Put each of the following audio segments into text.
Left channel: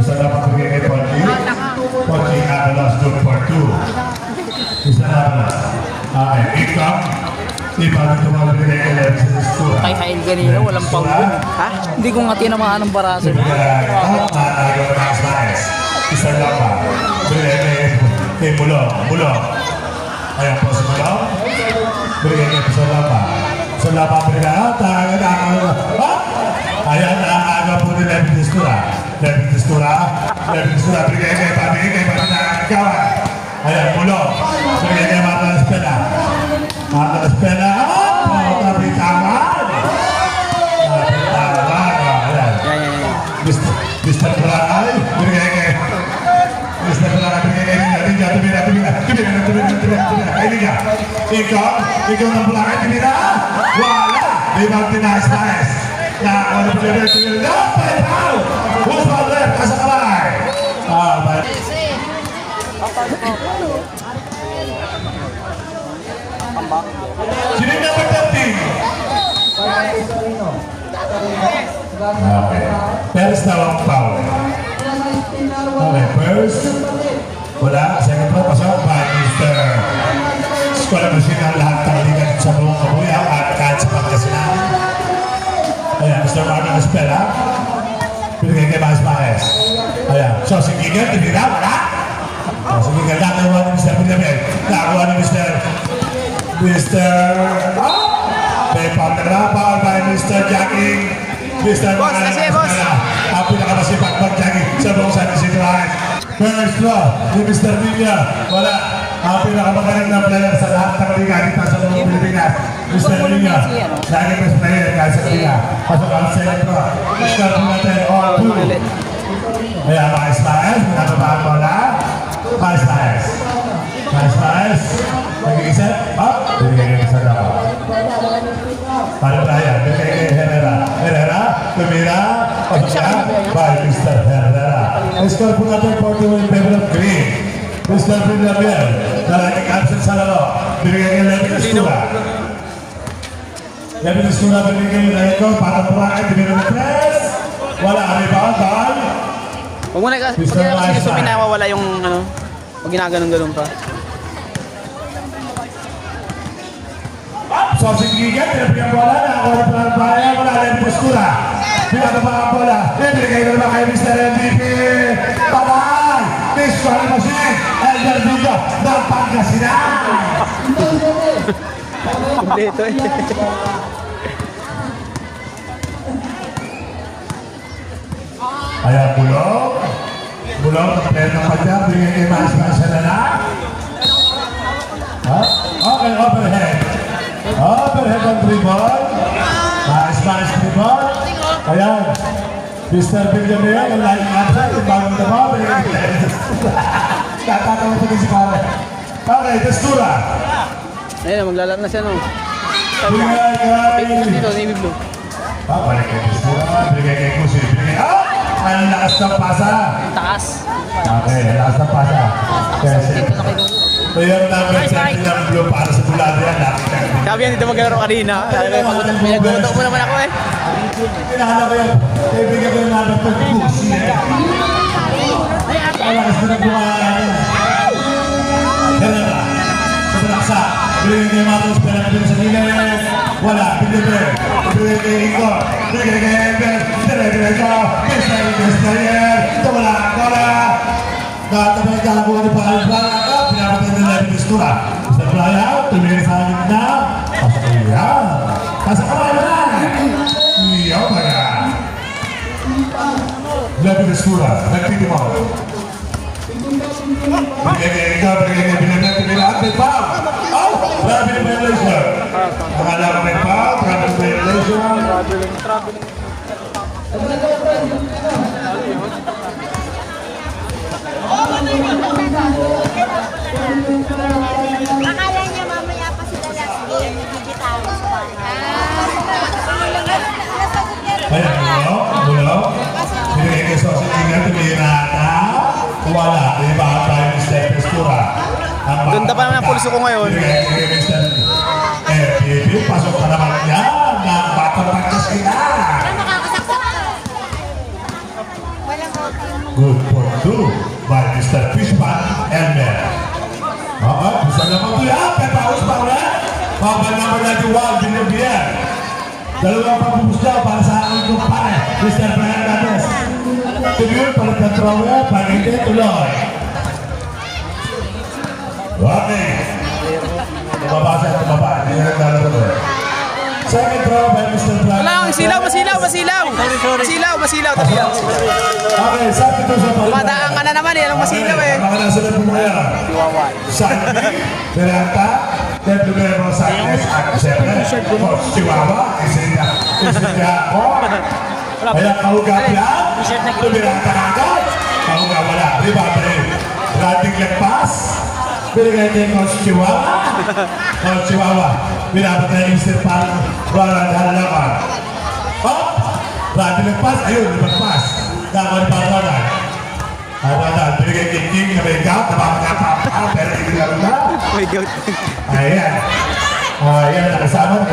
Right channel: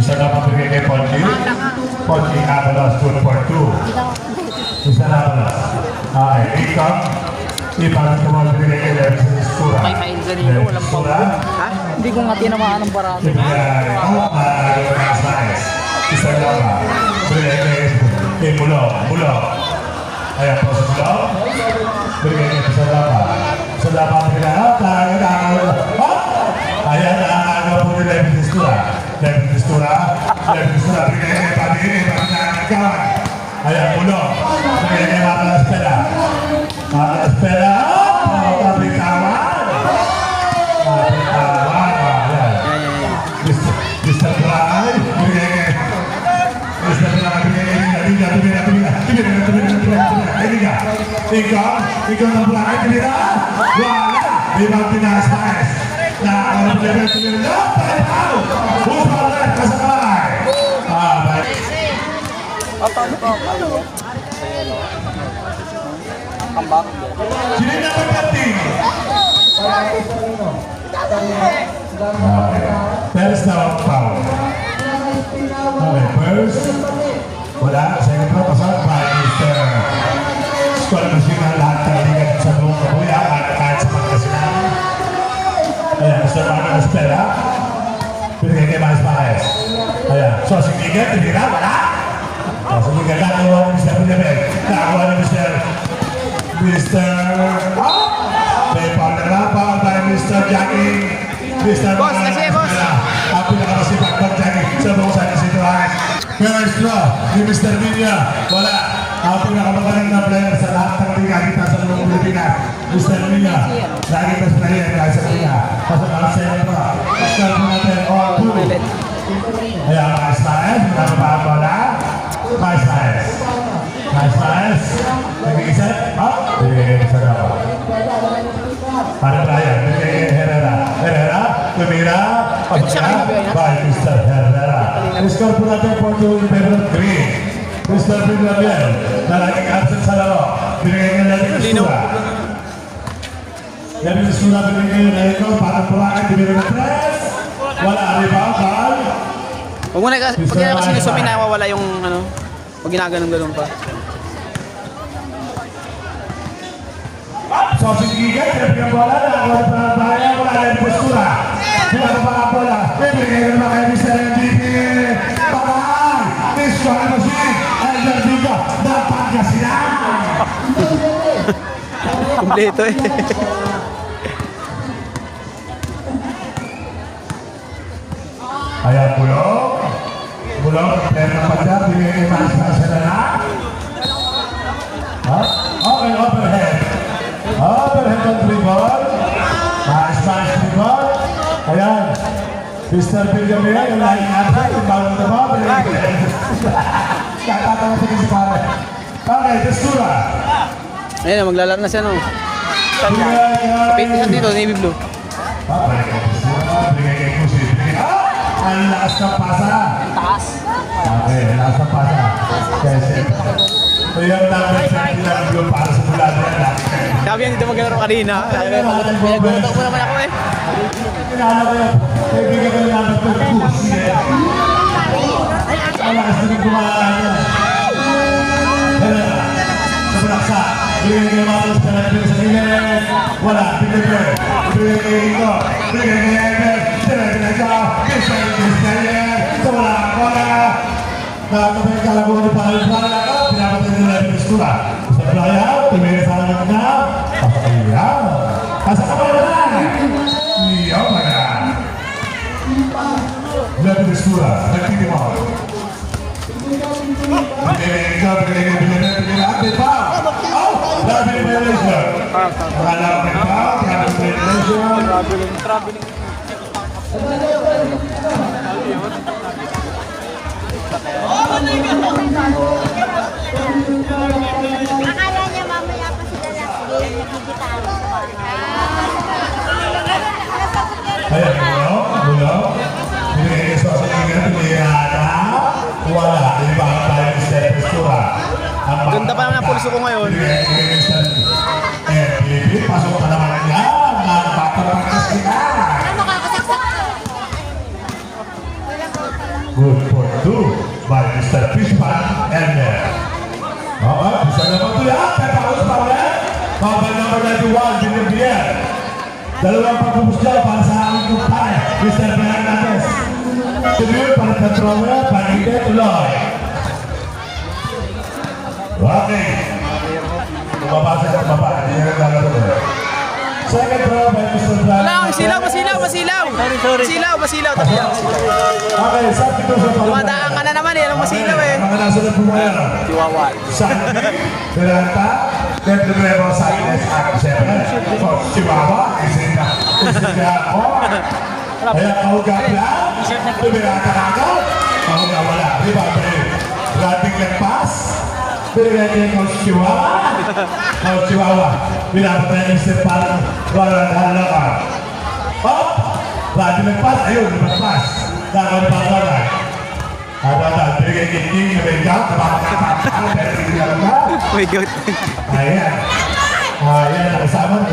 Isa na pabigay kay Ponchi. Ponchi Avalos 2 for 2. Isa na Avalos. Okay, income. Iparang tumabigay kay Levis sa Stura. Kay Hain Ganino, walang panggun. Ha? Hindi ko nga tinamaan ng baraso. Ibigay out na ayaw ng Asmaes. Isa na pa. Bigay kay Mulo. Mulo. Ayan po sa Mulo. Bigay kay Salapa. Salapa bigay out. Ayan na ang aga po ni Levis Stura. Levis Stura. Levis Stura. Bigay kay Pabigay na nagkawan. Ayan Mulo. Bigay kay Maka Espela. Maka Espela. Pabigay kawan. Mr. Bray, Mr. ikaw ng Bray, tinira. Wala. Di ba tinasais? Na ano pa rin tinira? Pahitaw! Bufaler, kasamay! Sino na pagdating? Okay. There's no power. Okay, first. Wala. Second floor. Pasok pa. Mr. Sekolah Musikan lahat kaligat sa buong kabuya. Kahit sa pagkasinan. Ayan, Mr. Marco Espera. Pinagay kay Mas Pares. Ayan. So, si Gigan, tinira. Wala. Si Gigan, nakawa ni Mr. Villamel. Nakawa ni Mr. May pangarapan by Mr. Jackie. Mr. Boss, kasi boss. Ang pinakamasipag pag Jackie sa buong San Isidro Heights. First draw ni Mr. Villa. Wala. Ang pinakamagaling na player sa lahat ng liga dito sa buong Pilipinas. Mr. Villa. Lagi ka sa player kahit sa liga. Pasok ang second draw. Mr. Villa. Ayan, Mas Paes. Pinakabahan mo na. Mas Paes. Mas Paes. Nag-iisip? Nag-iisip daw. Para tayo. Nag-iisip Herrera. Herrera. Tumira. By Mr. Herrera. Score po natin po yung Pebble Green. Mr. Villamel. Nalaging absent sa laro. Binigay niya natin yung Sura. Natin yung Sura. Binigay niya na ito. Para purakan. Binigay na tres. Wala. Rebound. Ball. Huwag mo na kasi sinusumin na wala yung ano. Pag ginaganong-ganon pa. So, Gigan, pinapinang bola na ako na parang bayan, wala na yung postura. Pinapinang bola, pinapinang naman kayo Mr. MVP. Pakay, Mr. Machine, Elder Vigo, ng Pangasinan. Kompleto eh. Ayan, Bulog. Bulog, pwede na pa dyan, bigay kay Mas Marcela na. Okay, overhead. Overhead ang dribble. Mas dribble. Ayan. Mr. Villamel, yung line upside, yung bawang dama. Katatawa pa din si Pare. Okay, Testura. Ayun, maglalaro na siya no. Bigay Pito dito, navy blue. bigay kay Testura. Bigay kay Kusi. Ang lakas ng pasa. Taas. Okay, lakas ng pasa. Kasi, ayan namin sa ilang blue para sa bulado yan. Sabi yan dito maglalaro kanina. Pinag-utok mo naman ako eh. Inahala ko yun. Kaibigan ko yung namin ito. Kusi eh. Ang lakas na nagbumahala yun. Dala na. Sobrang sa. Bigay kay Matos. Pinagpil sa gilid. Wala. Pinagpil. Bigay kay Ito. Bigay kay Ebel. Bigay ka. Bigay ka. Wala. Wala. Nakatabi ka lang kung ano pa rin ba. Pinapatay na lang yung istura. Sa playa. Tumingin sa akin na. Pasakaya. Pasakaya na. Iya ba yan? Labi na istura. Nagtitimol. Bigay ka. Bigay ka. Bigay ka. Labi na violation. Pangalan ka pa. Labi na violation. Traveling. Akala niya mamaya pa sila lang nagigitaro sa bahay. Ayan, Bulo. Binigay kay Sosa Ingat, tumira na. Wala, di ba? Tayo ni Steph Estura. Ganda pa naman ang pulso ko ngayon. Binigay kay Mr. FPB, pasok pa naman niya. Nagpapagpagkas kita. Ay, makakasaksak ka. Walang Good for 2 by Mr. Fishman Elmer. Oo, bisa na po yan. Pepaus pa ulit. Mabal number 91, Binibien. Dalawang pagpupus dyan para sa aking kumpare, Mr. Fernandez. Tuloy para Petrowe, pag-hindi tuloy. Okay. Bumabasa sa baba, hindi na naglalaro. Second throw by Mr. Blanc. Wala, masilaw. Masilaw. Tabi yan. Okay, sabi ko sa baba. Dumadaan ka na naman eh. Anong masilaw eh? Mga nasunod po mga Sandy, Peralta, Del Primero Sánchez, siyempre, Chihuahua, Isina ako. Kaya kahugat lang, tumirata ka agad. Kahugat wala, di ba? Rating lagpas, binigay niya yung Chihuahua. Chihuahua, binabot niya yung isip parang wala ka. Hop! Rating lagpas, ayun, lumagpas. Dapat wala. Ada binigay king na may gap, pero hindi na lang na. May goat. Ayan. Ayan, kasama pa.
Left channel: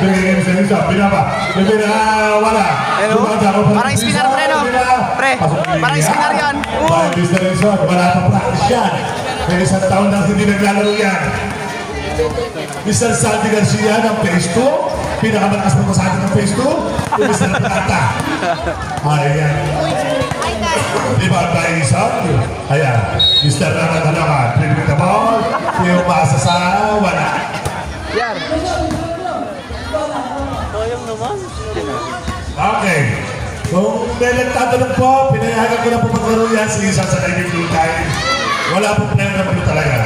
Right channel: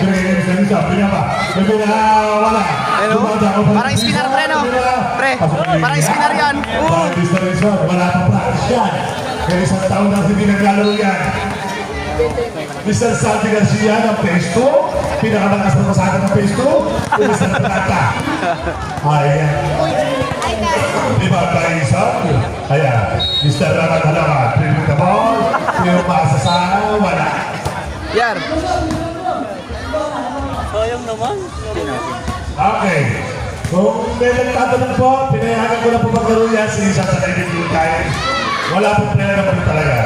Binigay sa inyo, binaba. Wala. Ano? Parang spinner pre, no? Pre, parang spinner yan. Oo. Wala pa practice yan. Kaya isang taon na hindi naglalaro yan. Mr. Sandy Garcia ng Phase 2. Pinakamalakas na sa atin ng Phase 2. Mr. Plata. Ayan. Di ba tayo isa? Ayan. Mr. Lama, tribute the ball. Yung basa sa wala. Yan. Okay. Kung may nagtatanong po, pinayagan ko na po maglaro yan sa isa sa naging time. Wala po player na po talaga.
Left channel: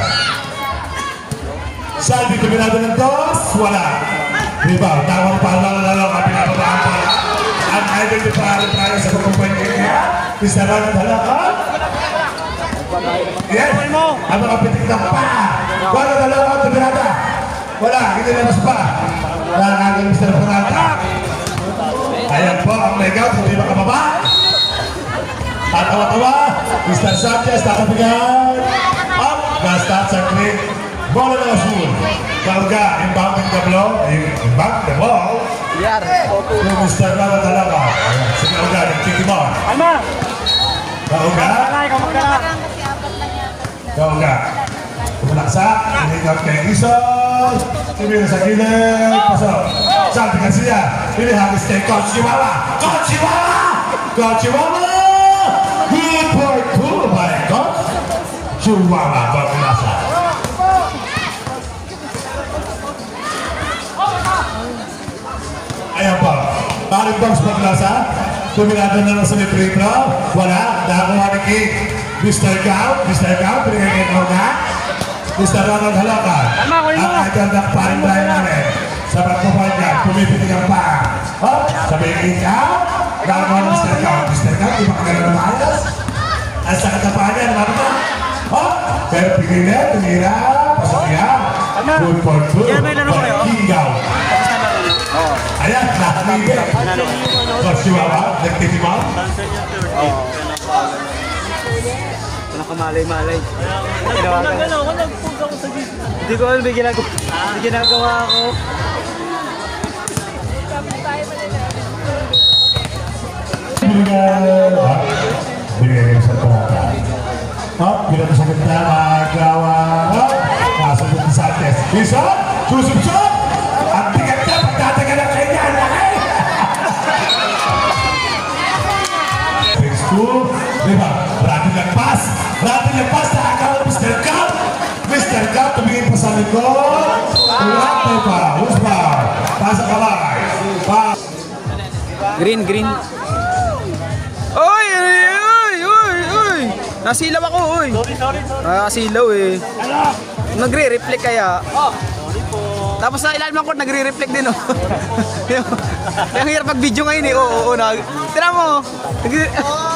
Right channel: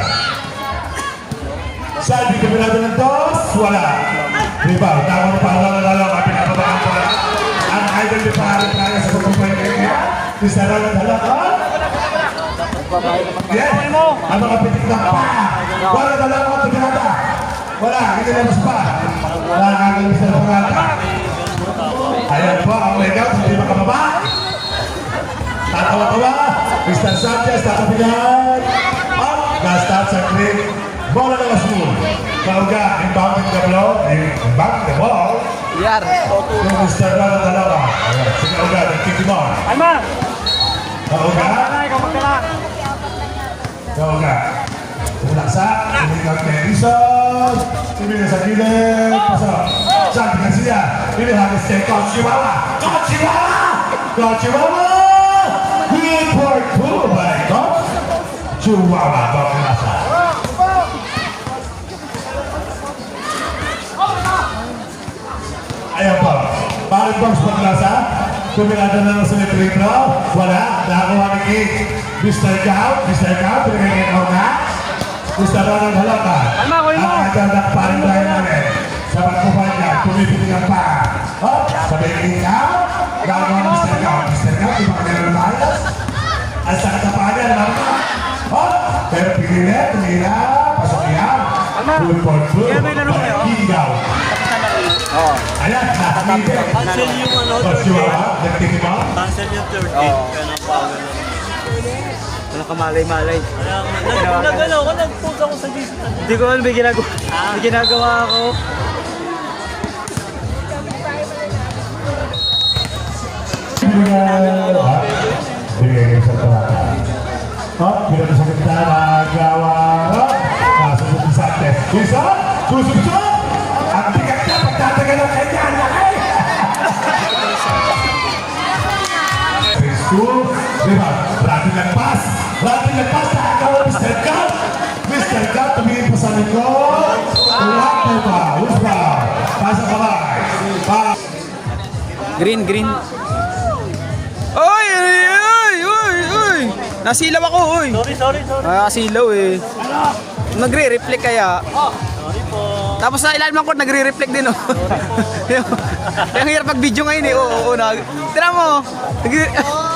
Salvi, kuminado ng dos, wala. Diba? Tawang paalala lang, pinababaan pa. Ang idol ni pangalan tayo sa mga pwede niya. Mr. Ronald Halaka. Yes. Ang mga pitik na pa. Wala dalawa at pinata. Wala, hindi labas pa. Wala nga ng Mr. Panata. Ayan po, ang mega, hindi makababa. Tatawa-tawa. Mr. Sanchez, tatabigan. Up. Basta sa green. Bola na Azul. Kauga, inbounding the blow. Inbound the ball. Yar. Yung Mr. Ronald Halaka. Si Kauga, nagkikimon. Alma. Kauga. Kauga. Kumulaksa. Iligat kay Rizal. Sumira sa gilid. Pasok. Santi Garcia. Pinihagis kay Coach Chihuahua. Coach Chihuahua! Coach Chihuahua! Good for 2 by Coach Chihuahua. Pagkasa. Ayan po. Parang Coach Pagkasa. Tumirado na sa librito. Wala. Nakakuha ni King. Mr. Gao. Pinigay kay Kauga. Mr. Ronald Halaka. Alma, kunin mo. Ang agandak parang tayo namin. Sa pagpapanya, pumipitig ang pa. Sabi ng Gao. Gagawa ng Mr. Gao. Mr. Gao, di ba kailangan maalas? At sa katapanan, alam mo? Pero pigilin, tumira. Pasok yan. Good for 2. King Gao. Ayan, nakakibig. Coach Chihuahua, nagtitimaw. Ano ka malay-malay? Hindi ko alam, may ginagawa ako. Bigay sa Plata. Bilang sa ganda na gawa. Nasabot ni Santos. Isa, susubsub. Ang bigat na, pagtatagal ang kanya. Ang laki. Phase 2. Diba? Rating lagpas. Nakakawa Mr. Cup. Mr. Cup, tumingin pa sa likod. Ulato pa. Uspa. Pasa kamay. Green. Oy! Nasilaw ako, oy. Sorry. Nasilaw eh. Nagre-reflect kaya. Tapos sa ilalim ko, nagre-reflect din, oh. Yung hirap mag-video ngayon eh. Oo. Tira mo.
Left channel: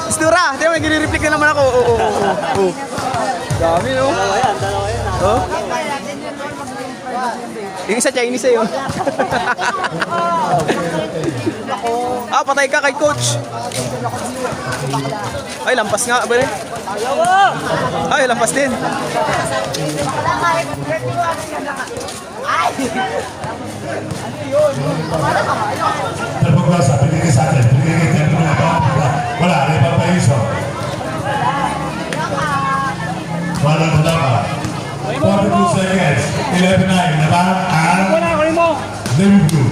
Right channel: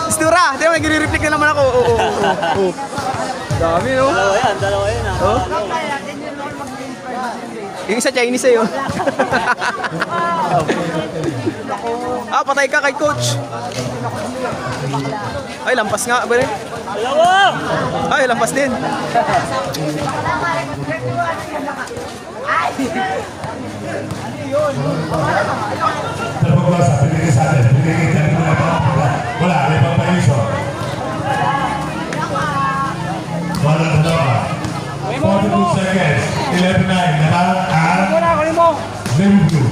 Istura. Tira mo, nagre-reflect na naman ako. Oo. Dami, no? Oh. Yung isa Chinese eh, oh. Patay ka kay coach. Ay, lampas nga, bare. Ay, lampas din. Terpegasa, pinigil sa atin. Pinigil sa atin. Wala, may papayiso. 11-9. Natang Liverpool.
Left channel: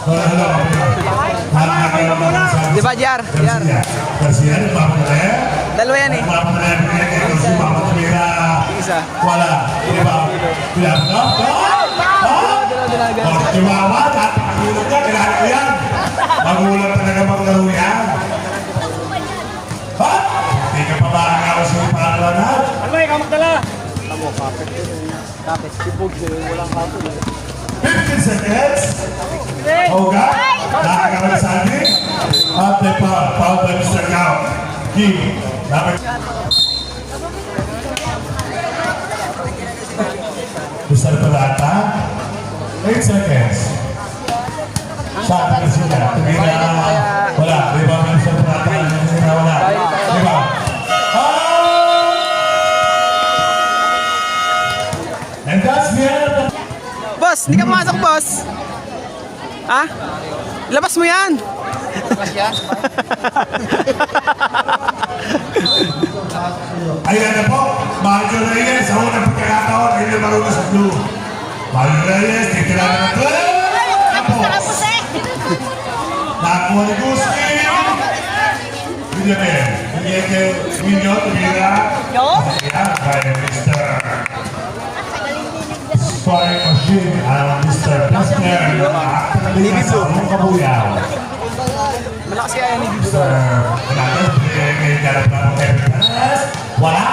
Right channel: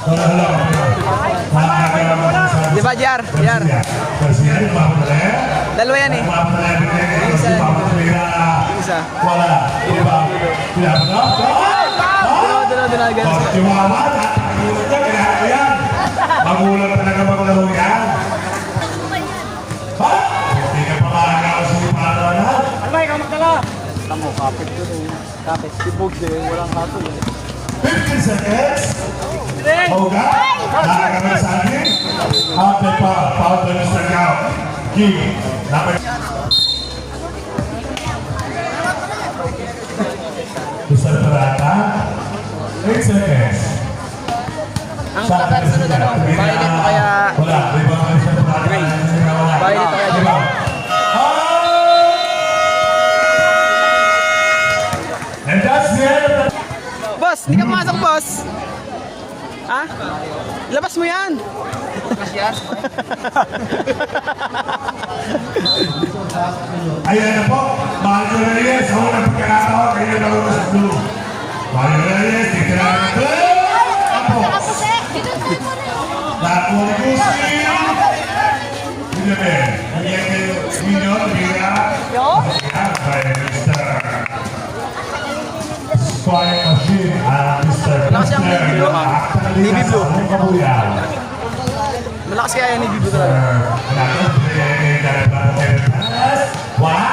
Wala lang. Nakakagawa mo lang sa... Di ba, Jar? Jar. Garcia, yung tapos na yan. Dalawa yan eh. Isa. Wala. Diba? Diba? Dalawa, ganun. Chihuahua, napakagulog niya, kailangan yan. Magulang talaga maglaro yan. Ha? Hindi ka pa parang ako sa ipalo na. Alay, ka magdala! 15 seconds. Hoga. Nakakabal sa atin. Ate pa. Paul by Mr. Gao. Give. Mr. Parata. 8 seconds. Sa akin sila. Wala. Diba? Mr. Parata. Wala. Diba? And that's the end of the... Boss, hindi ka pumasok, boss. Ha? Labas mo yan. Ayan na po, Mario Reyes, ako nagpagkakataon, ayun na marunong sa blue. Mario Reyes, titirahan na ito. Nakapos eh. Nakuha ni Gusti. Villamen, Minion, Mira. Ayan, kay Mr. Spy Machine, Mr. Buster, yung mga Navy blue. Anong kabuyan? Malakas kaya yan, hindi ko Wala.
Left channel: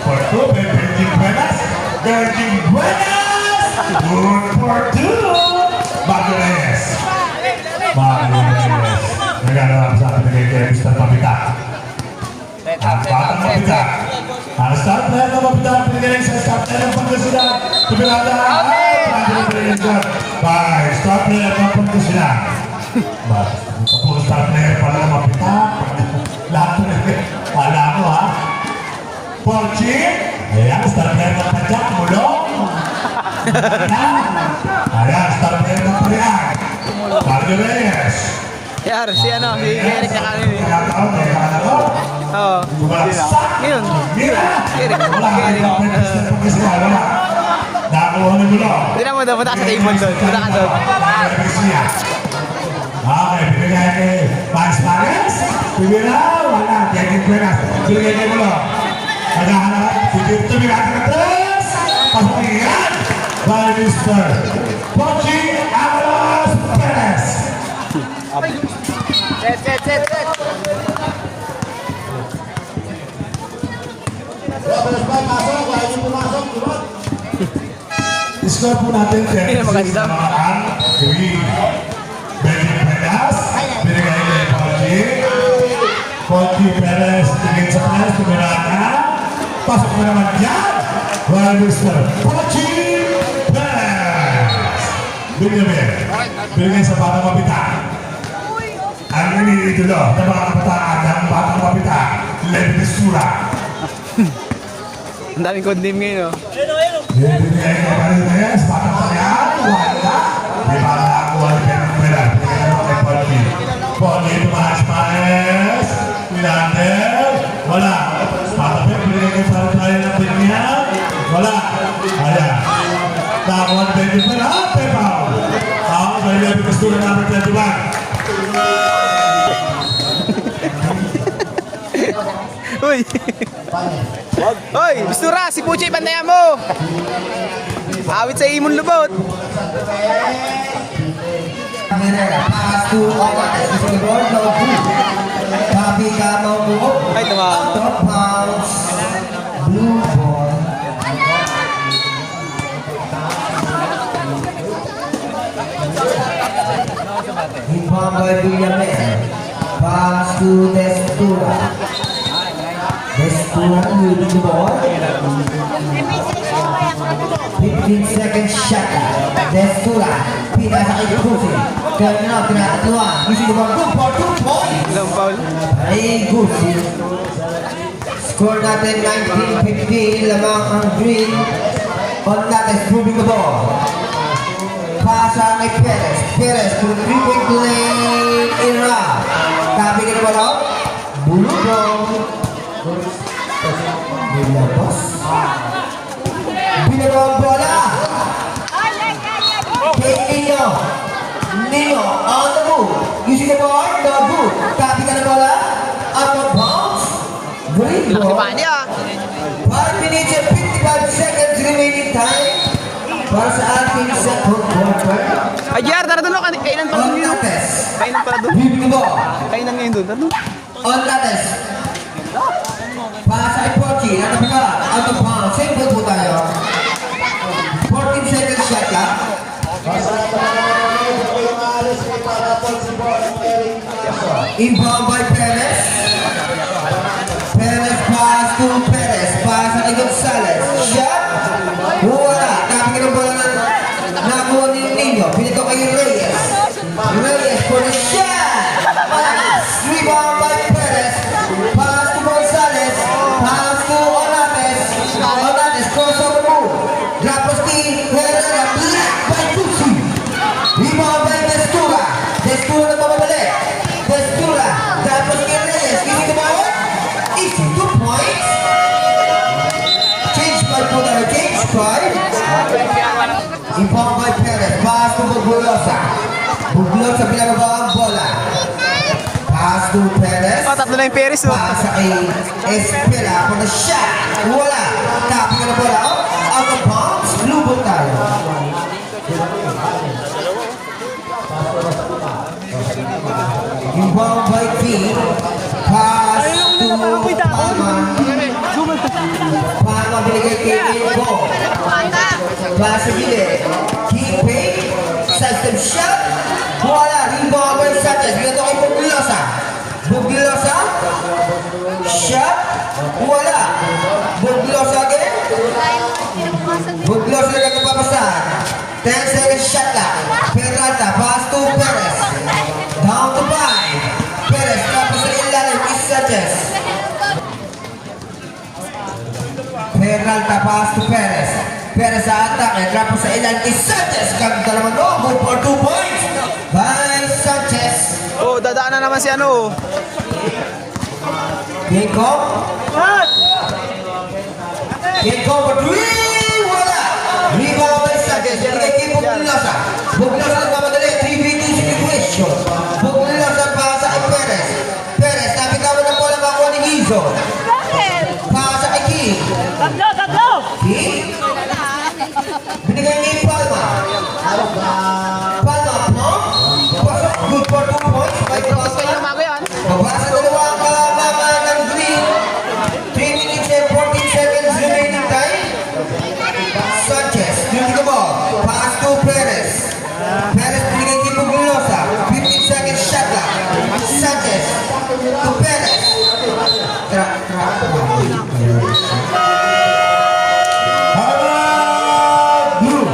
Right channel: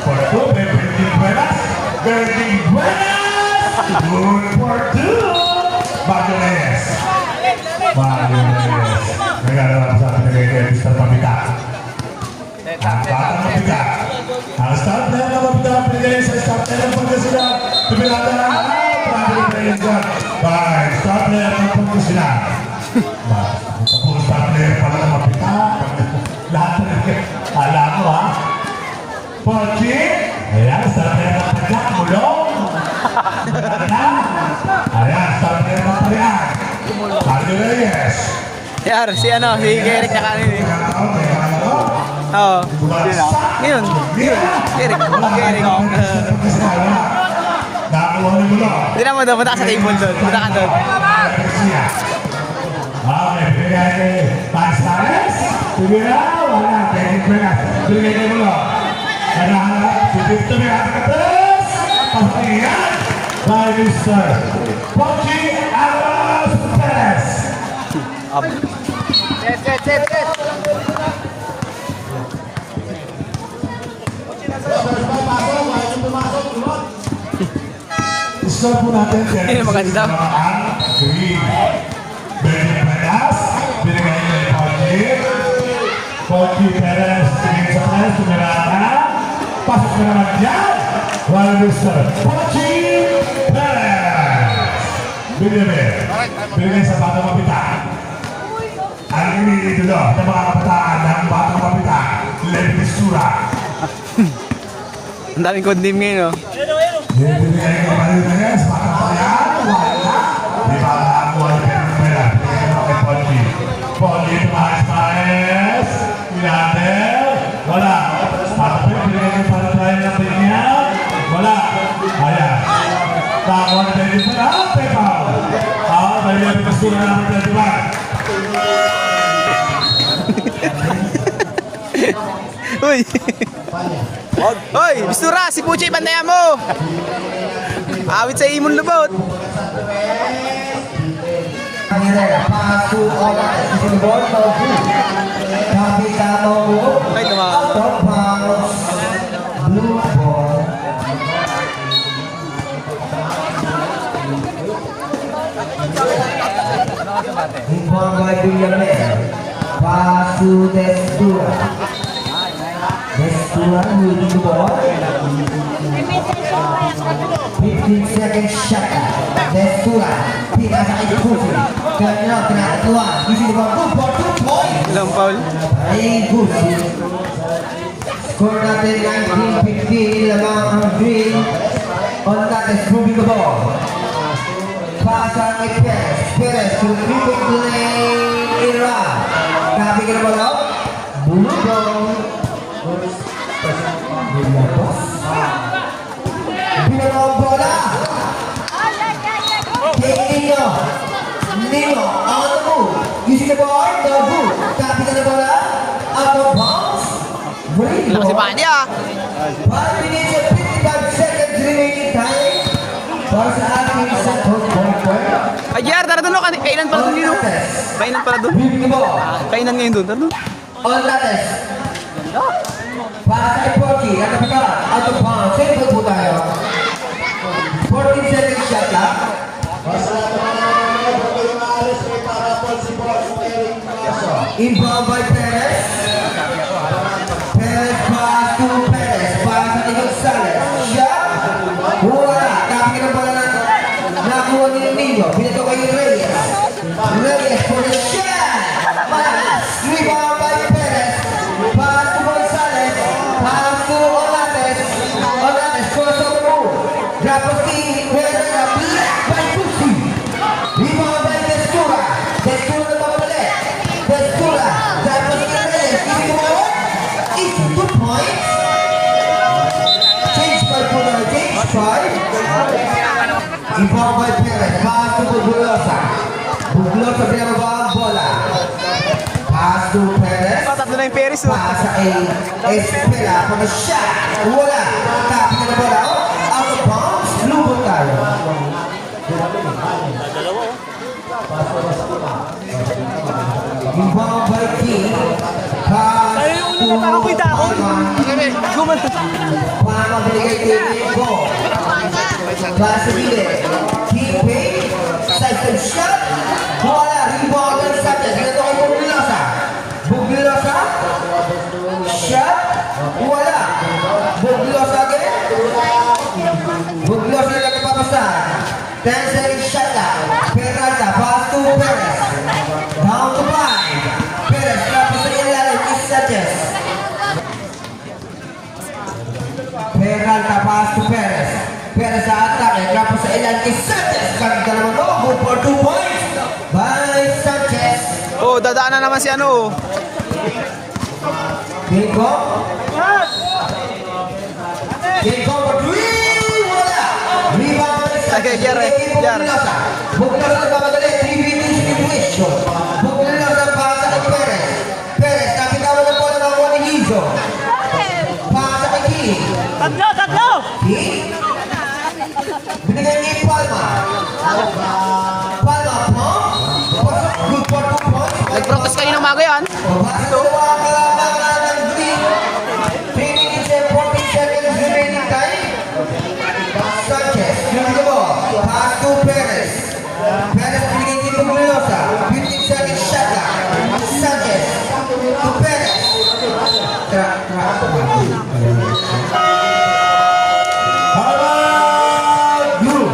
For two, Benjamin Buenas. Benjamin Buenas. Good for two. Mario Reyes. Mario Reyes. Naglalaro sa atin kay Mr. Pamita. Batang Pamita. Ang start player na Pamita. Pinigay sa start player ng Pangasinan. Pipilata. Pangasinan pa rin dyan. Bye. Start player ng Pangasinan. Kapag start player pala ng Pamita. Lahat na rin. Kala ko ha. Porchi. Ayan, start player ng Pagkat. Mulong. Ayan, start player ng Pagkat. Mario Reyes. Yar, si ano, si Eric na kanin eh. Pagkataon, may kalaro. Oo. Ngayon. Eric. Eric. Nakakuha ni Mulong. Tignan mo doon, punta ka sa table doon. Punta ka doon. Okay, binigay kay Max Mares. Binigay, wala. Kevin Cuevas. Binigay kay Mulong. Naghahanap, si Victor Miracrates. Papahingan by Mr. Pochi Alas Perez. Score po natin Hindi maganda. ang green. Benjamin Perez, binigay kay Pochi. Pochi Perez, tingin sa Perez, tumirakan. Pasok mo naman dyan. While Mr. Pochi Perez. Benjamin, binigay sa Batang Mapita. Ang iniidolo ng mga kabataan ng Batang Mapita, Levi Destura. Ang daming condemn ngayon, oh. Binigay kay Mario Reyes, Batang Palayan, wala. Di ba nakakuha ni Pedro Pera? Binigay mo kay Pochi. Pochi, Tomas Perez, Milander, wala. Patapit, binigay kay Paratay ng Pinyan, wala. Ayan. Nakakuha ni Pedro Pera, Pepao. May Levi Destura number 21. Uy! Hoy! Bistura! Si Puchay, bandayan mo! Awit sa imon lubot! Ay, tumama. Pass to Destura. Destura moving the ball. 15 seconds shot. Destura. Tidak sakit Gusi. Dan tidak keluar. Gusi the ball. Good for 2 points. Ilang foul? Ay Gusi. Score natin 19-15. Lamang ang green. Contact is moving the ball. Pasa kay Perez. Perez to the 3-point lane. Era. Tapi kita bola. Bulu ball. the ball, no good. Copy ka na bola. Out of bounds. Green Laki ball. pa niya. 1 minute and 55 seconds remaining time. Para sa ating second quarter. Ay, Jar, tara doon. Kainan pala doon yun. Onlates. Kainan pala doon. Moving the ball. Kainan ngayon doon. Tara doon. Onlates. Pasa kay Pochi. Ano ba ka? Out of bounds. Same ball po tayo. 14 seconds shot ka. Inbound by Perez. Perez pass to Perez. Pasa kay Gonzalez. Shot. Wala. Kapag ka ng bola na nakuha ni Nino. Pinito kay Reyes. Reyes for the shot. Rebound by Perez. Pass to Gonzalez. Pass to Olanes. Olanes cross over the move. Drop of steam. Herrera black by Tucci. Rebound by Destura. Destura na tumabalik. Destura. Drop of steam Reyes. Easy to ball. Easy 2 points. Change by Puna. Change 5. Inbound by Perez. Pass to Buglosa. Buglosa pinababa ang bola. Pass to Perez. Oh, tatlo na yung Perez, oh. Pasa kay Espela for the shot. Wala. Tapos na bola. Out of bounds. Lubog tayo. Inbound by King. Pass to Palma binigay kay Inbound. Pass sa gilid. King Pay. Sidestep shot. Bola. Rebound by Sanchez. Binato kay Buglosa. Buglosa. Shot. Wala. Buglosa again. Buglosa na napapasahan. 10 seconds shot na. Petralta. Pass to Perez. Down to 5. Perez. Tapos sa ilalim is Sanchez. Petralta. Pass to Perez. Perez sa atake. Tapos sa ilalim is Sanchez. Kagda naman mo. Go for 2 points. By Sanchez. Oh, dadaan na naman si ano. Kinko. Kinko for 3. Wala. Rebound by Sanchez. Okay, Jerry. Kinko Buglosa. Buglosa nagmamadali. 3v2 situation. Buglosa pasa kay Perez. Perez. Napitawan ng bola mga ni Hizo. Pasa kay King. King. Binigay ni Palma. Palma po. Pasok. Good for 2 points. May Practice kayo ng umaga yan. para sa dalawang kalamanan ng green. 3 minutes and 14 seconds remaining time. Sanchez, shooting the ball. Pass to Perez. Perez binigay kay Buglosa. 15 seconds shot clock. Sanchez to Perez. Blue.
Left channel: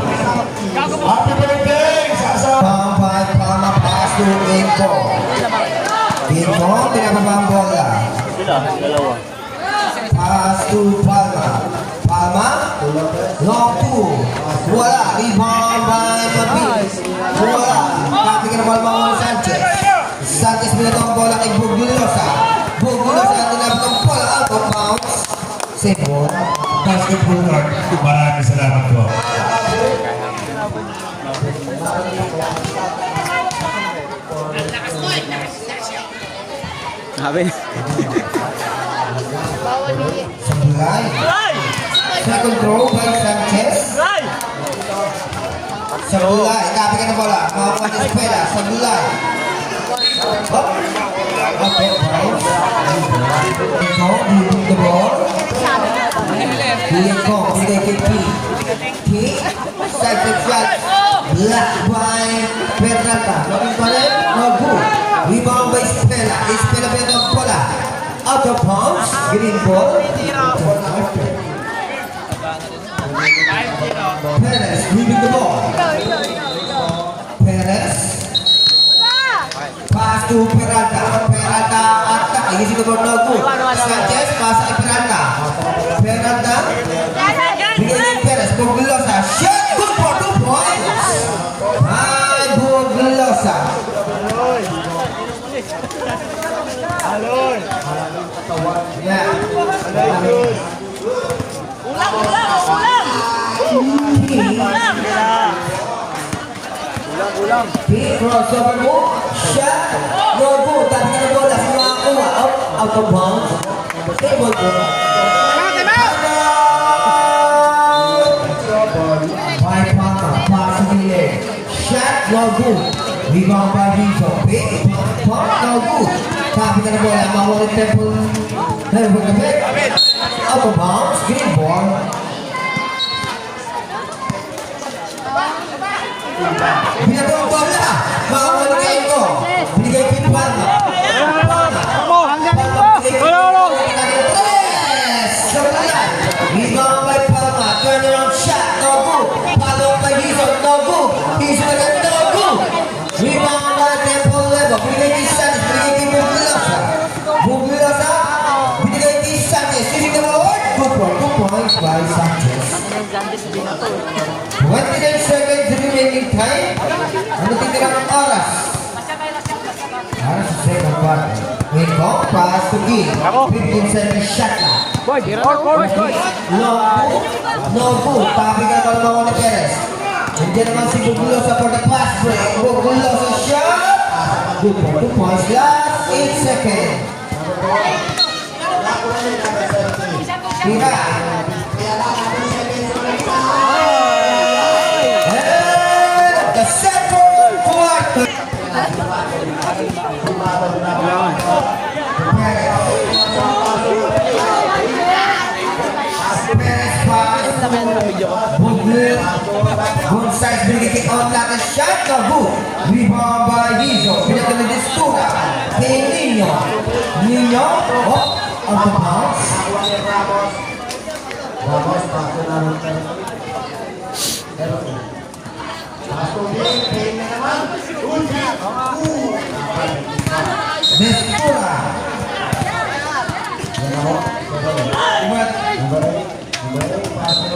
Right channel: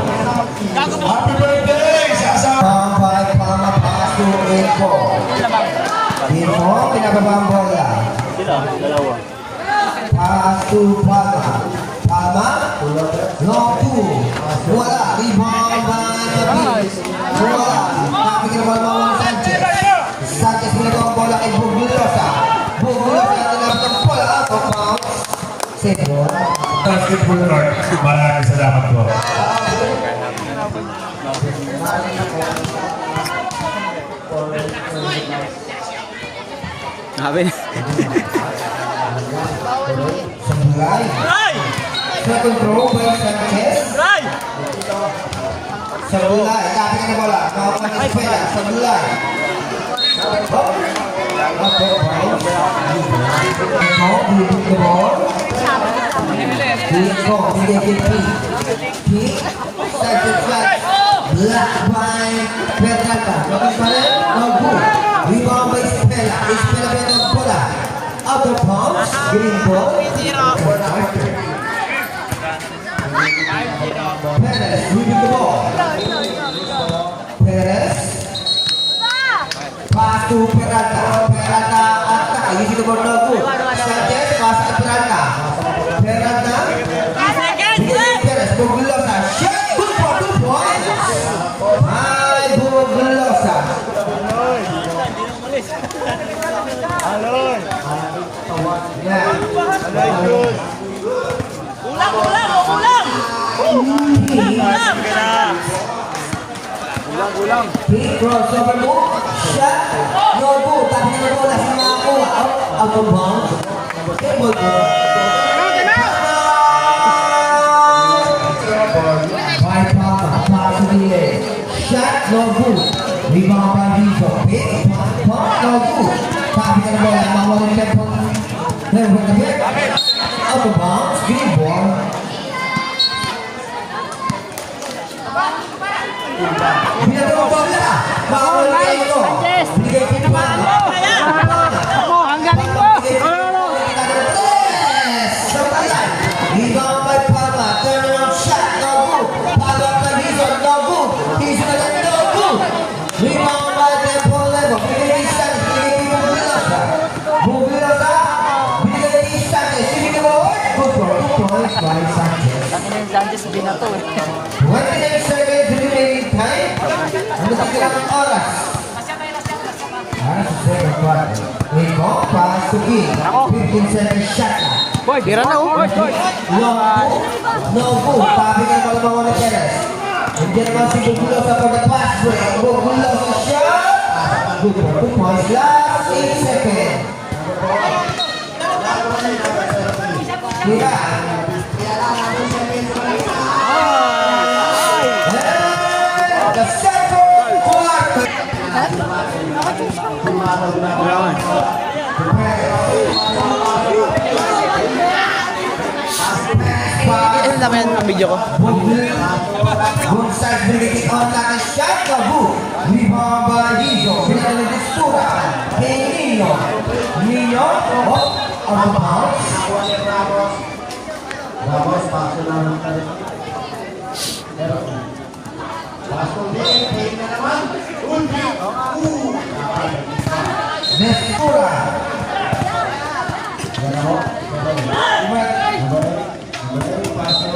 Happy birthday! Sasa! Down by Palma, pass to Inco. Inco, pinababa ang bola. Pass to Palma. Palma, long two. Wala, rebound by Mabit. Wala, kapit ka naman mga Sanchez. Sanchez pinababa ang bola kay Buglosa. Buglosa, tinapos ang bola out of bounds. Safe ball. Basketball Rock. Maraming salamat po. Sabi. Sabulay. Second throw by Sanchez. Sabulay. Kapit ka na bola. Mga Escuela. Sabulay. Okay, guys. Ikaw, moving the ball. Ikaw, binigay kay King. King. Side to flat. Black by Petralta. Maging pa rin. No good. Rebound by Espela. Espela ba yung bola? Out of bounds. Green ball. Perez moving the ball. Perez. Pass to Peralta. Peralta attack. Easy the ball no good. Sanchez pass to Peralta. Peralta. Bigay Perez. Buglosa. Shot. Good for 2 points. Ay, Buglosa. Yeah. Big crossover move. Shot. No good. Tapi na bola sa mga kuha. Out of bounds. Table po. By Papa. Pass to the air. Shot. No good. Rebound by Rizzo. Big pump. No good. Tapi na bola. Mawala temple. Never get out of bounds. Green ball. Binigay mo na. Makawala kayo ito. Binigay ko yung bang. Ang galing mo! Yes! Rebound by Papa. Turnaround shot. No good. Follow by Rizzo. No good. Rizzo na lang. No good. Rebound by Temple Level. Binigay kay Sanchez. Binigay kay Bugilosa. Bugilosa. Binigay kay Sanchez. Sino ka mo? Good points by Sanchez. 29 seconds remaining time. Ano titira ng oras? Para sa second part. Wait mo, pass to King. 15 seconds shot na. Boy, tira na, boy, boy. No good. Papi ka naman ng mga Perez. Hindi naman si Bugulosa for the pass break. Bugulosa shot. Good for 2 points. Last 8 seconds. Tira. The second quarter. Ang dami ng video ko. Both sides binigay on natin shot na book. Rebound by Rizzo. Pinagdala ng Stura. Kay Nino. Nino. Oh, on the bounce. Ramos, paso na rin tayo. Paso din, pain na naman. Ulti. Destura. Yan ako. Number 8, paso.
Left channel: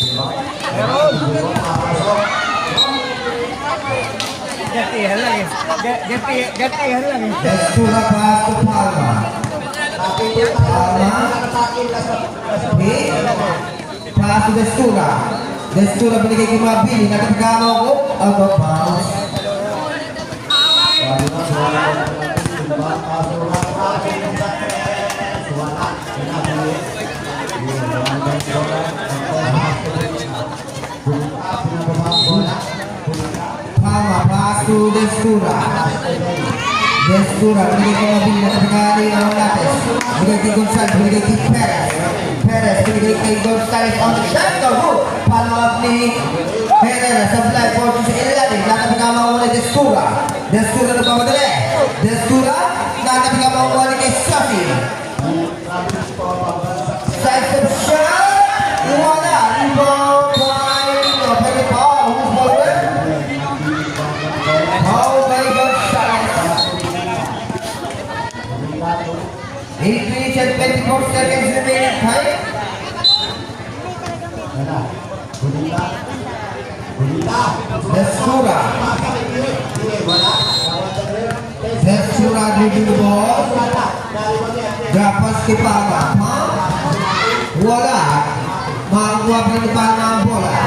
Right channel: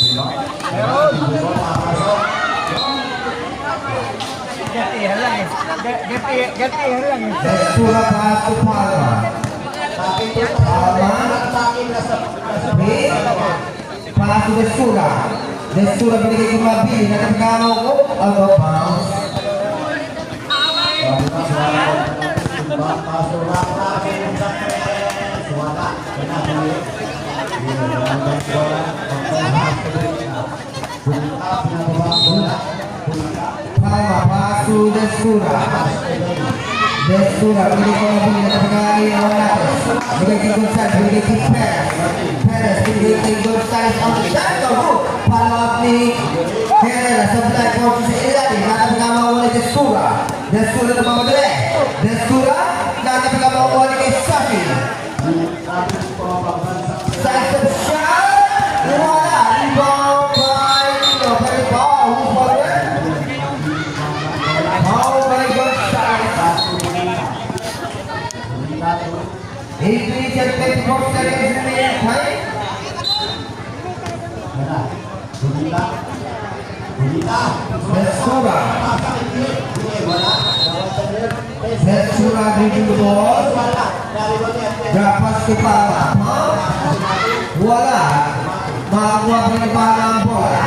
Timbang. Timbang, papasok. Destura pass to Palma. Pass to Destura. Destura binigay kay Mabili. Nakapagano ko. Out of bounds. Sabi na, suwala ko na natin. Timbang, paso na. Suwala. Pinabili. Pinabili bola. Bulita, pinababang bola. Bulita. Palma pass to Destura. Destura binigay kay Mabili. Nakapagano yung natin. Binigay kay Gonzales. Binigay kay Perez. Perez binigay kay Gonzales. On the shot go. Follow up ni Perez. Sa fly fortune sa ilalim. Nakapagano mawala Destura. Destura na pamadali. Destura. Nakapagano mawala kay Safi. Size of shot. Wala. Rebound by who's following? Oh my God. 8 minutes and 24 seconds remaining time. Destura. Destura dribbling the ball. Gapas kay Papa. Wala. Makakuha pa ni Papa ang bola.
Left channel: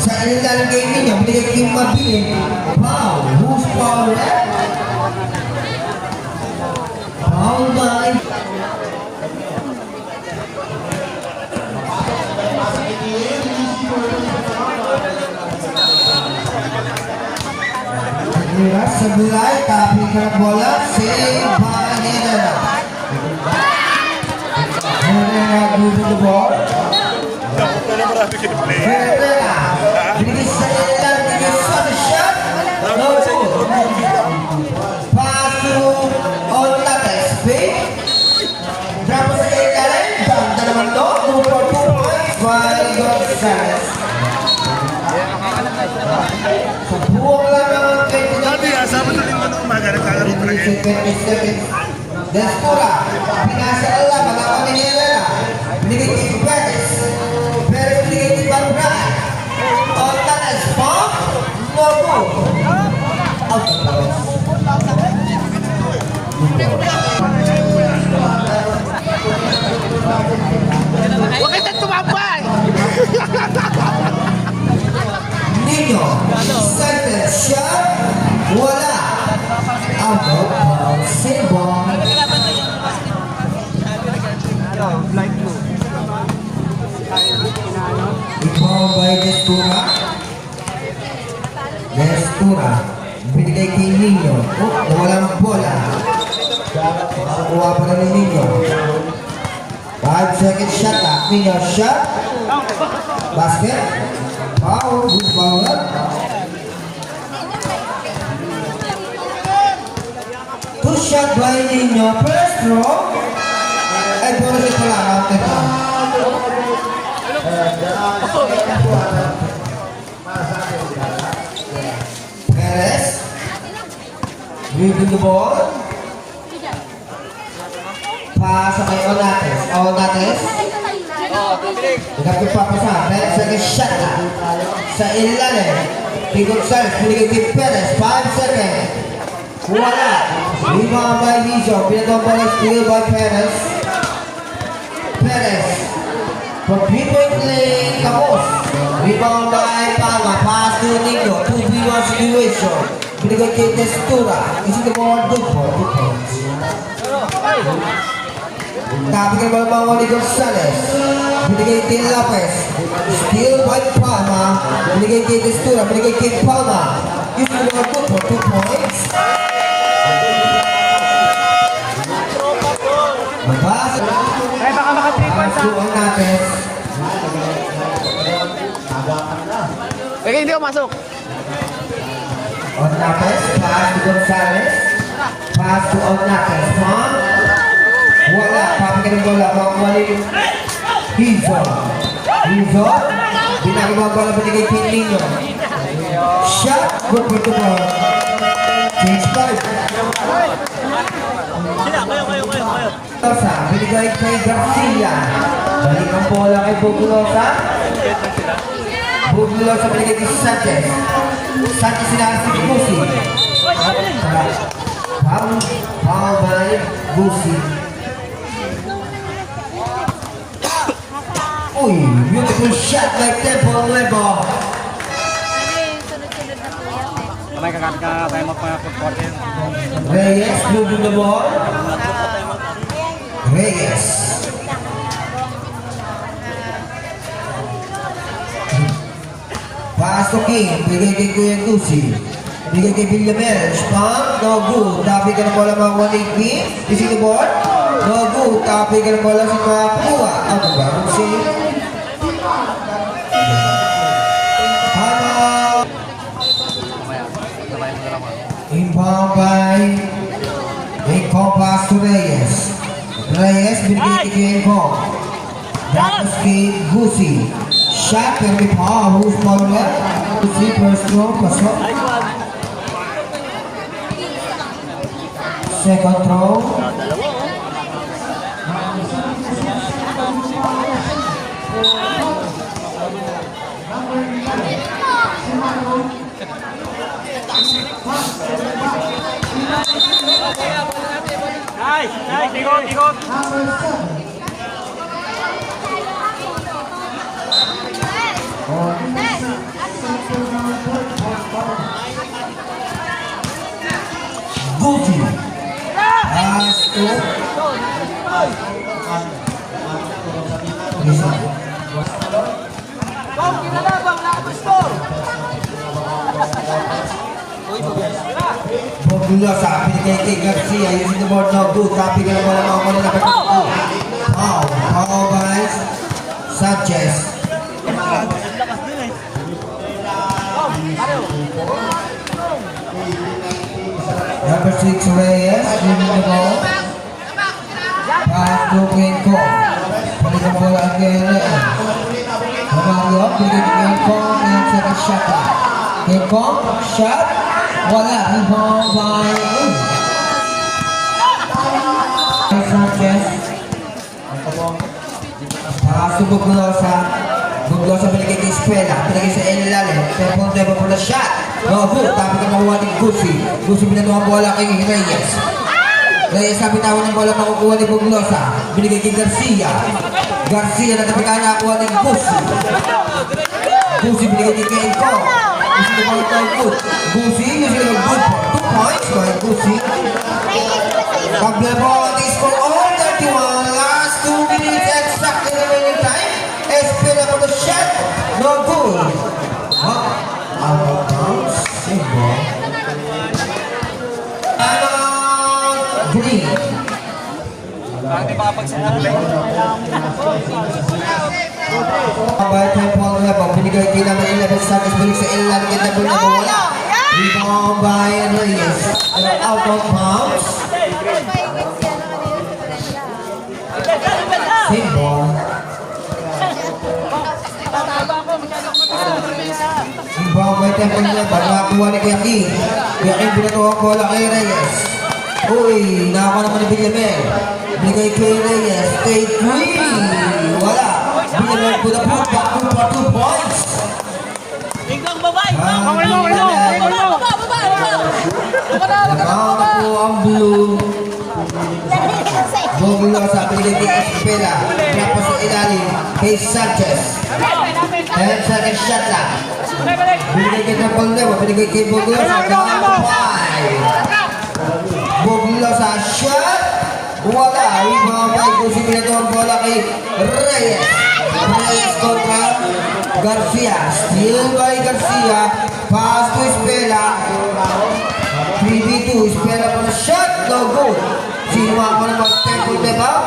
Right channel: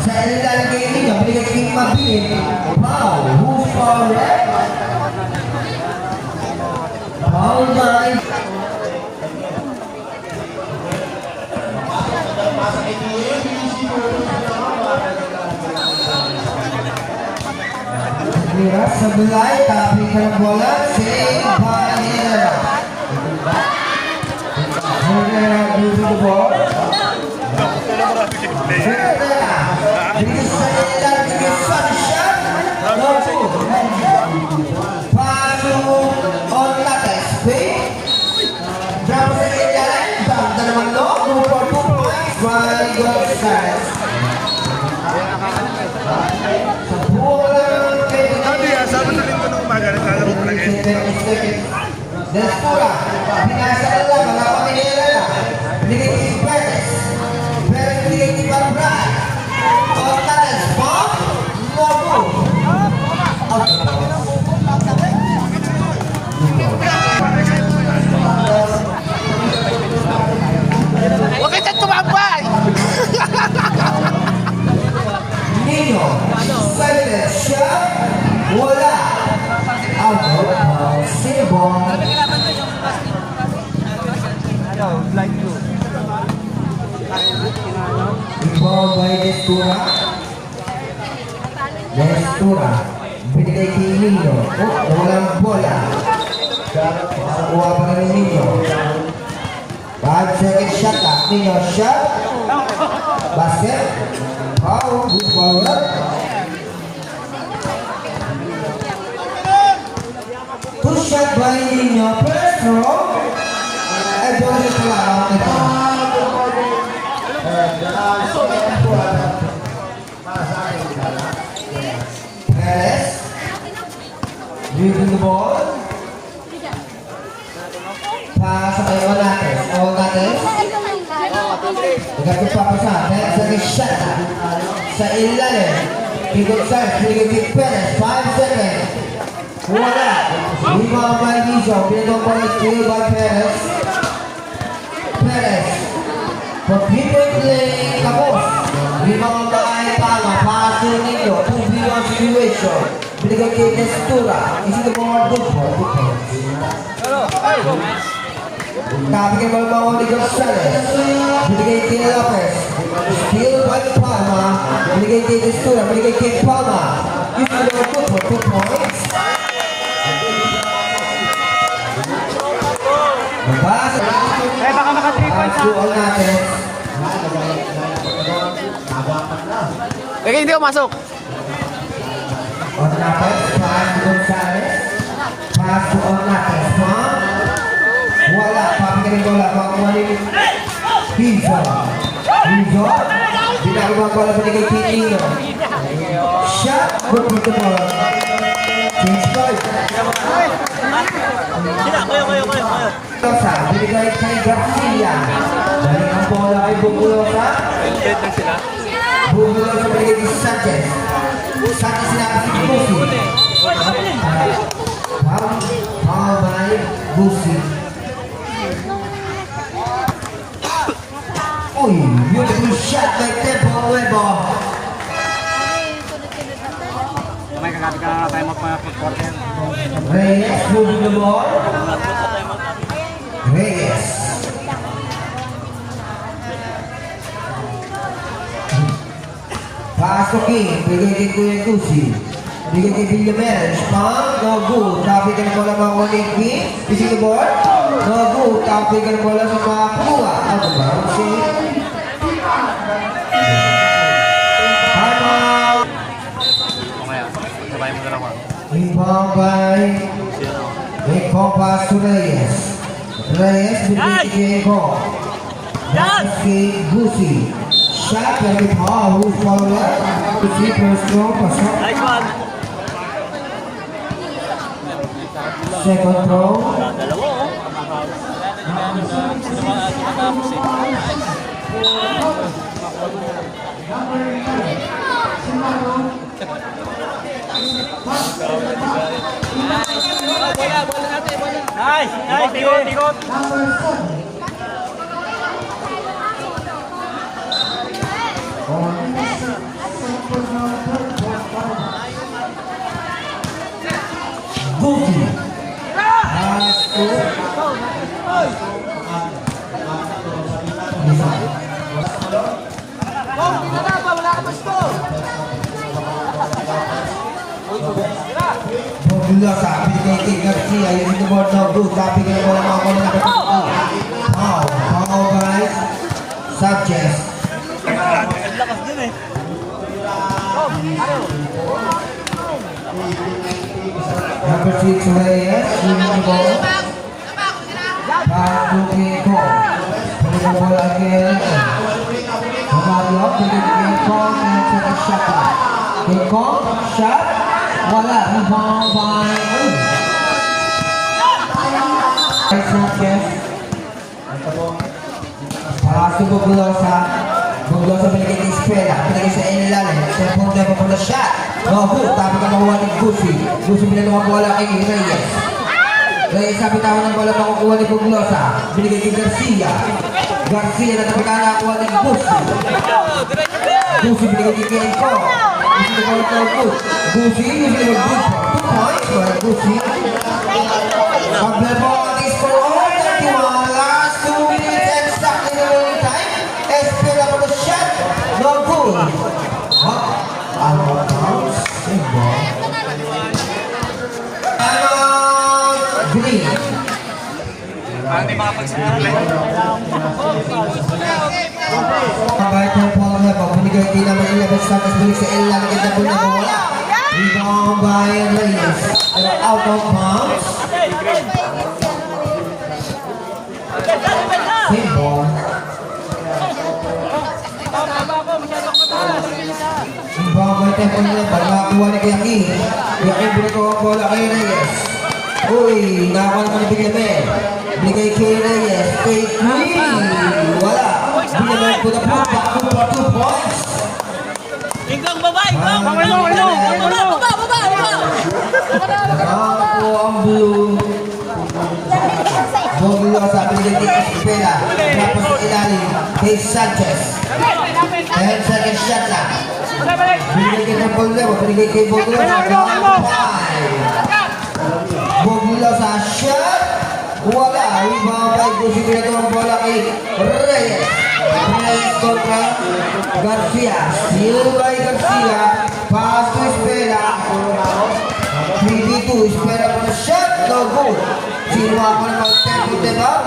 Sa ilalim kay Nino, binigay kay Mabili. Foul. Who's foul? Foul by Mira sa bulay, tapi ka ng bola, save by Herrera. Herrera losing the ball. Herrera, binigay sa ilalim, binigay sa shot. No good. Pass to Orlates, fake. Drop sa ilalim, banda naman no, move for 2 points by Gonzales. Destura, pinasa Allah, wala pa ni Helena. Binigay kay Perez. Perez binigay kay Pambray. Ortanes, bomb, no good. Out of bounds. Bakit ito Nino. Second shot. Wala. Out of Sinbon. Ano, light blue. Ibang by Destura. Destura. Binigay kay Nino. Nawalang bola. Nakuha pa na ni Nino. 5-second shot na. Nino shot. Basket. Foul. Good foul. Two shot by Nino. First throw. Ay, bola rin pala. Out na ito. Perez. Dribbling the ball. Pass kay Onates. Onates. Nagkakip pa sa second shot na. Sa ilalim. Pigot Sars. Binigay kay Perez. 5 seconds. Wala. Rebound by Lizo. Pinagong by steal by Perez. Perez. From people playing Kapos. Rebound by Palma. Pass to Nico. 2v1 situation. Binigay kay Destura. Isi the ball. Good ball. Good points. Kapag ang mga ni Gonzales. Binigay kay Lopez. Steal by Palma. Binigay kay Destura. Binigay kay Palma. Isi the ball. Good for 2 points. Mabas. Eh, baka maka 3 points ha. Tuon natin. Lagi hindi ako masok. Onates, pass to Gonzales. Pass to Onates. Wala. Papagaling bola. Makuwalin. Hizo. Hizo. Binagawag bola binigay kay Nino. Shot. Good for the ball. Change card. Kayo. Bugulosa. Binigay kay Garcia. Balik ang bola kay Bugulosa. Bugulosa binigay kay Sanchez. Sanchez sinakas si Busi. Foul by Busi. Uy, beautiful shot by Tempo Nuevo. Reyes moving the ball. Reyes. Pass to King. Bigay kay Kuya Tusi. Bigay kay Villamel. Spam. No good. Tapi ka na bola mga Wanigpi. Ising the ball. No good. Tapi ka na bola sa mga Pua. Ano ba? Si Timeout. Mamaya, sabay mo na lang mga. Inbound by Inbound pass to Reyes. Reyes binigay kay Inbound. Tapos kay Gusi. Shot yung may power. Who's power left? Gusi first throw. Pasok. Second throw. Ikot. Gusi. Pass to Bugulosa. Binigay kay Garcia. Using the board no good. Tapi ka na bola mga bola na Foul. Foul by Sanchez. Number 6 Reyes. Using the ball. Pass to Kenko. Binigay ang bola kay Leon. Mamalio. Binigay kay Kenko. And second shot. Kenko. Shot. Wala. Rebound by Sanchez. Pass to Bugulosa. Bugulosa binigay kay Espera. Binigay sa ilalim. Tempo po na shot. No good. Tapos na makuha ni Gusi. Gusi binalawa ang bola kay Reyes. Reyes na bitawan ng bola makukuha ni Bugulosa. Binigay kay Garcia. Garcia na nakuha ni Gusi. Gusi binigay kay Kenko. Gusto ko lang ito good. Gusi, gusto ko good. 2 points by Gusi. Paglabo ang score all 31. Last 2 minutes exactly the winning time. Espera for the shot. No goal. Out of bounds. Save ball. Green. Abay ng Paul Labo, binigay din naman 11 seconds balik sa Ella, naganda po na mawala. Rebound by Reyes. Out of bounds. Save ball. Rebound by Paul Labo, nakakuha ni Yaki. Yaki binagawa ang bola kay Reyes. Uy, nakakuha naman ni Benjamin. Binigay kay Reyes. Take 3. Wala. Binigay po na po. Back to 2 points. Nakakuha ang blue. Bobilo sa pinigay kay Espera. Tapos sa ilalim kay Sanchez. 10 seconds shot lang. Binigay kay Bobilo. Binigay kay Bobilo sa Bobilo sa shot. Wala. Rebound by Gusi. Binigay ang bola kay Reyes. Reyes kontra Garcia. Steal by Garcia. Pass to Espera. 3v2. Espera pa na shot. No goal. Sino ako na mag-tempo, diba?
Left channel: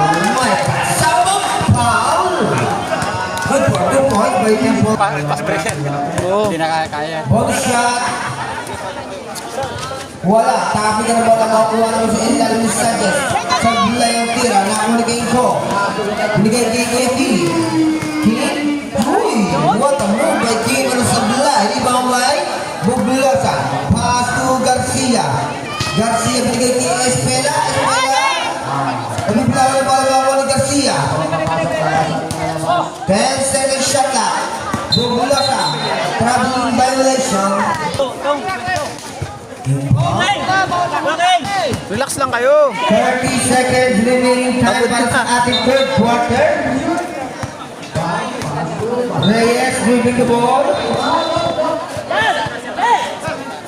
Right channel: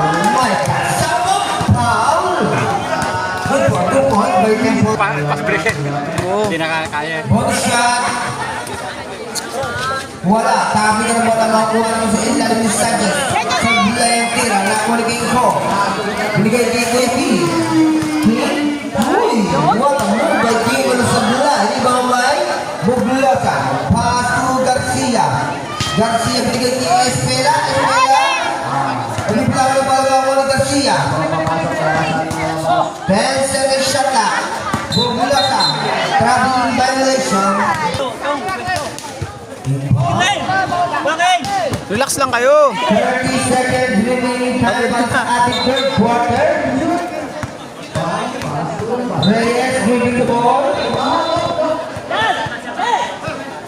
May kasama foul. Good point by Tempo. Oo. Body shot. Wala. Tapi ka na ba na makuha mo sa ilalim ni Sanchez? Sa bila yung tira. Nakakuha ko. Binigay kay Kuya Uy! What a move by King na sa bila. Hindi ba may Buglosa. Pass to Garcia. Garcia binigay kay Espera. Bigla na pala ni Garcia. 10 seconds shot na. Buglosa. Traveling violation. Relax lang kayo. 30 seconds remaining time sa ating third quarter. Reyes moving the ball.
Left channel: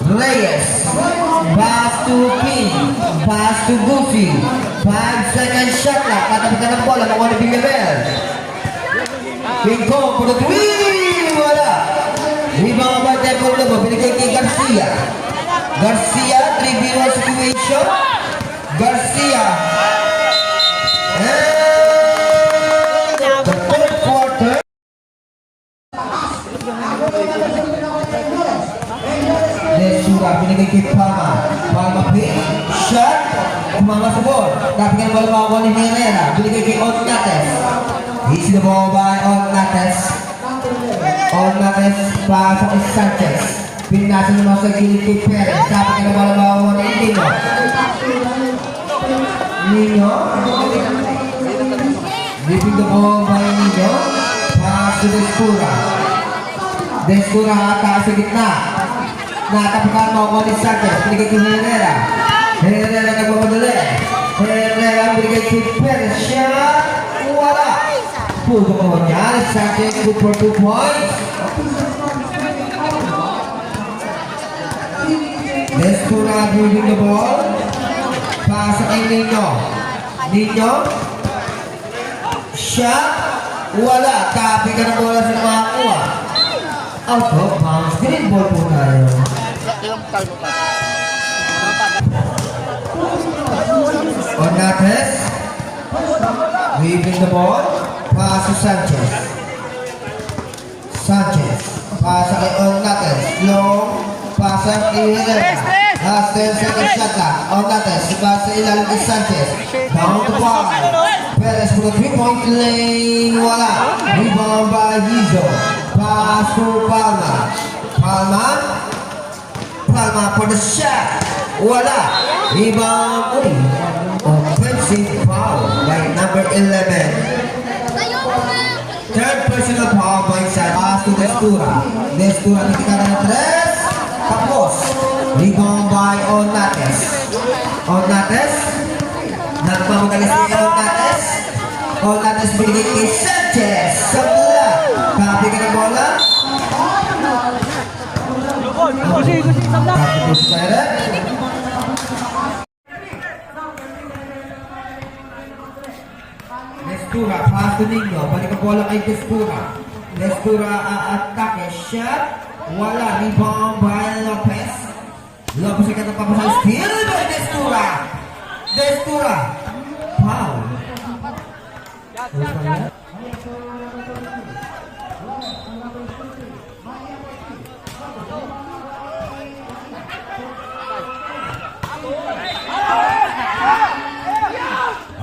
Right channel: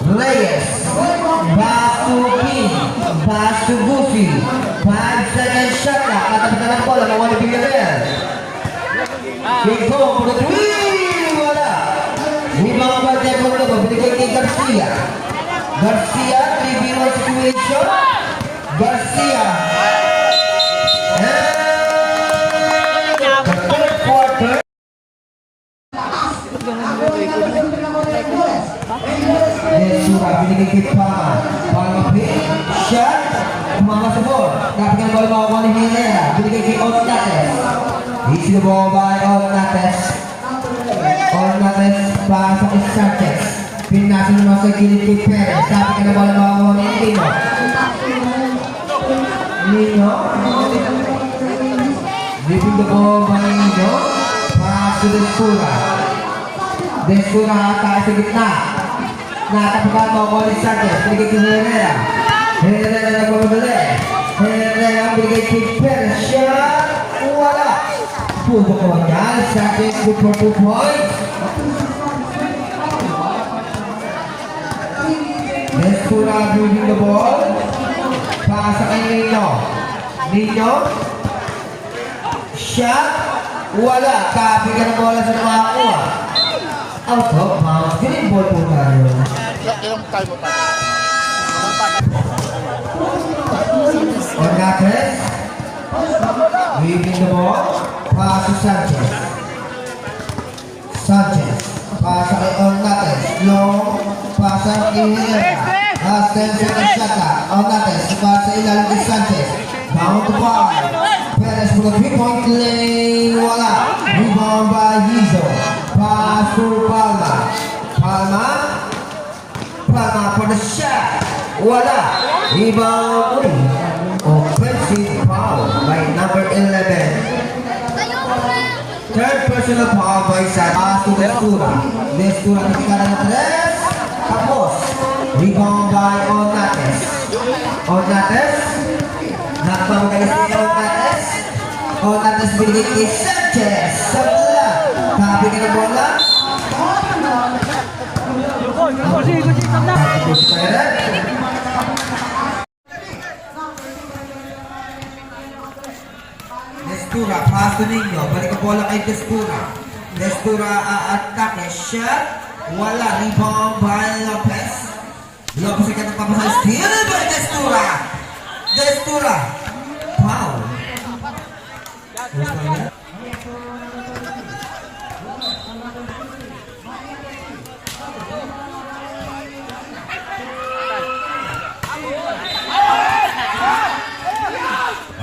Reyes. Pass to King. Pass to Goofy. 5 seconds shot na. Katapitan ng bola. Nakuha ni Villarreal. King Kong for the 3. Wala. Rebound by Tempo Labo. Binigay kay Garcia. Garcia, 3v1 situation. Garcia. And the third quarter. Desura, binigay kay Palma. Palma pin. Shot. Umama sa ball. Kapag ang bola makakuha ni Herrera. Binigay kay Ornates. Easy the ball by Ornates. Ornates, pasa kay Sanchez. Pinasa naman sa gilid kay Perez. Kapag ang bola makakuha ni Nino. Nino. Leaving the ball by Nino. Pass to Desura. Desura hata sa gitna. Nakapagkama ko ni Sanchez. Binigay kay Herrera. Herrera nagmamadali. Herrera binigay kay Perez. Siya wala. Puto ko niya. Sanchez good for 2 points. Desura leaving the ball. Pasa kay Nino. Nino. Siya wala. Tapi ka ng bola sa nakakuha. Out of bounds. Green ball po tayo. Ornates. Leaving the ball. Pass to Sanchez. Sanchez. Pass kay Ornates. Long. Pass kay Herrera. Last 10 seconds shot na. Ornates. Pass sa ilalim kay Sanchez. Down to 5. Perez for the 3-point lane. Wala. Rebound by Hizo. Pass to Palma. Palma. Palma for the shot. Wala. Rebound. Offensive foul by number 11. Third personal foul by Sad. Pass to Destura. Destura nakita na ng 3. Tapos. Rebound by Ornates. Ornates. Nakamagalis si Ornates. Ornates binigay kay Sanchez. Sa bola. Kapi ka ng bola. Destura, paso ninyo. Balik ang bola kay Destura. Destura a-atake. Shot. Wala. Rebound by Lopez. Lopez ang kanyang papasal. Steal by Destura. Destura. Foul.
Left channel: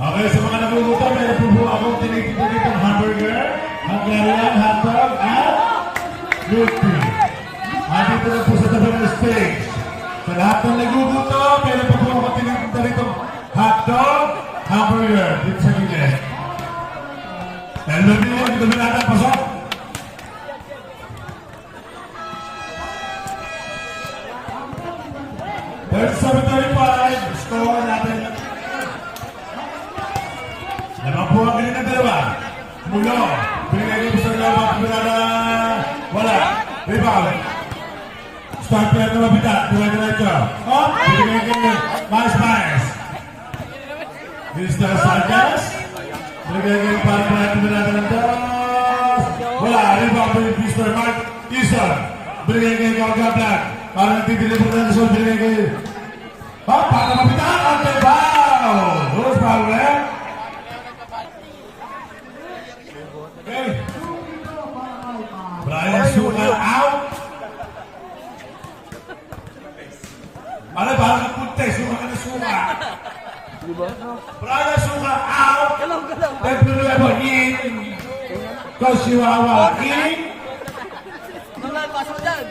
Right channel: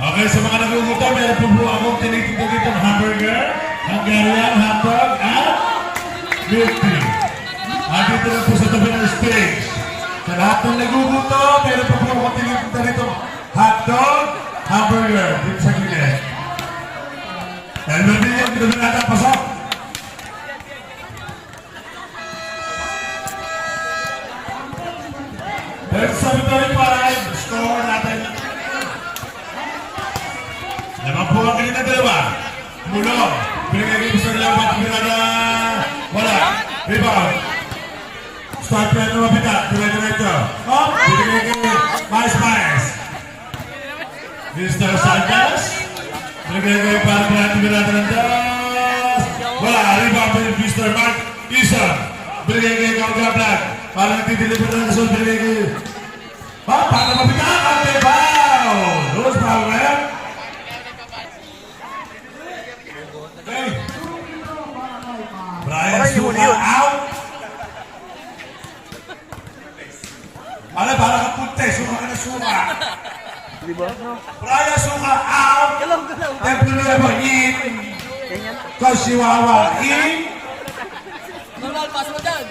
Okay, sa mga nagugutom, meron po po akong tinitinda dito ng hamburger, Hungarian hotdog, at milk tea. Andito lang po sa tabi ng stage. Sa lahat ng nagugutom, meron po po akong tinitinda dito hotdog, hamburger, dito sa gilid. Dahil nandito yung dito na pasok. Dahil sa Victory 5, score natin. Limang po ang ganyan na dalawa. Mulong. Pinagiging gusto nila matibirada. Wala. Rebound. Start yan na mapita. Diretso. Up. Pinagiging mais. Mr. Santos. Pinagiging para matibirada ng das. Wala. Rebound by Mr. Mark Ison. Pinagiging Gargablan. Parang nagtitilipan na nasun. Pinagiging. Up. Para mapita. Okay, foul. Who's foul, man? Okay. Brian Suka out. Ano, parang nagpunte. Suka ka na suka. Diba? Brian Suka out. Temporary ba in? Kashiwawa in. Normal, pass mo dyan.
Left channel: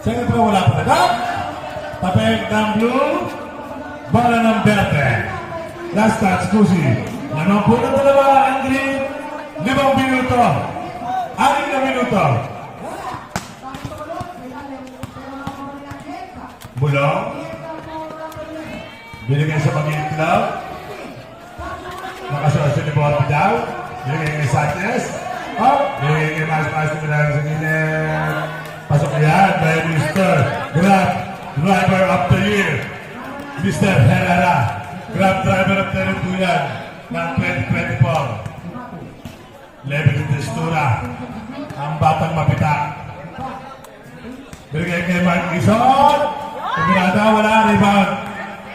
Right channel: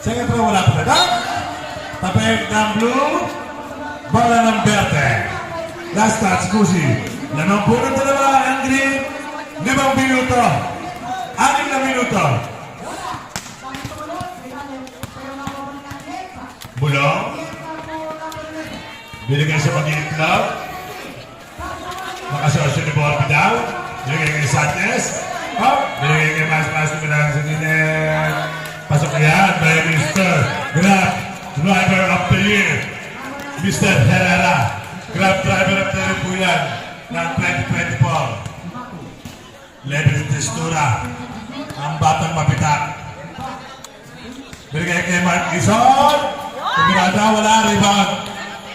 Second row wala pa na. Tapeng ng blue. Bala ng verde. Last touch, Kusi. Nanong po ng dalawa ang green. 5 minuto. 6 na minuto. Bulong. Binigay sa pagiging club. Nakasosyo ni Borby daw. Binigay kay Santos. Oh, binigay kay Mas na pinang sa nilin. Pasok yan by Mr. Grab Driver of the Year. Mr. Herrera. Grab Driver of the Year po yan ng 2024. Level Destura. Ang batang mapitak. Binigay kay Mark Gison. Pagkirada, wala. Rebound.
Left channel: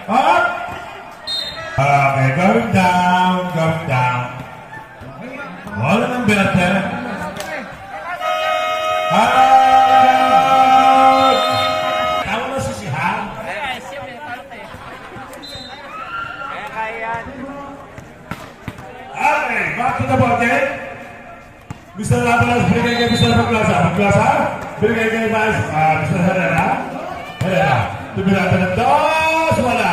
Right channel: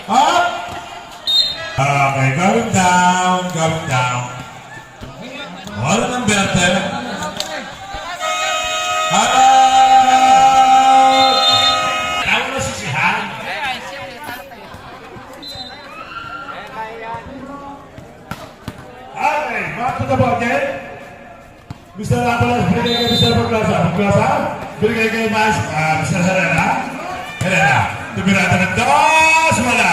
Up. Okay, going down. Wala ng berte. Hello! Kaya mo sisihan? Okay, back to the ball game. Mr. Latolas, binigay kay Mr. Paglosa. Binigay kay Mr. Herrera. Tumirata ng dos, wala.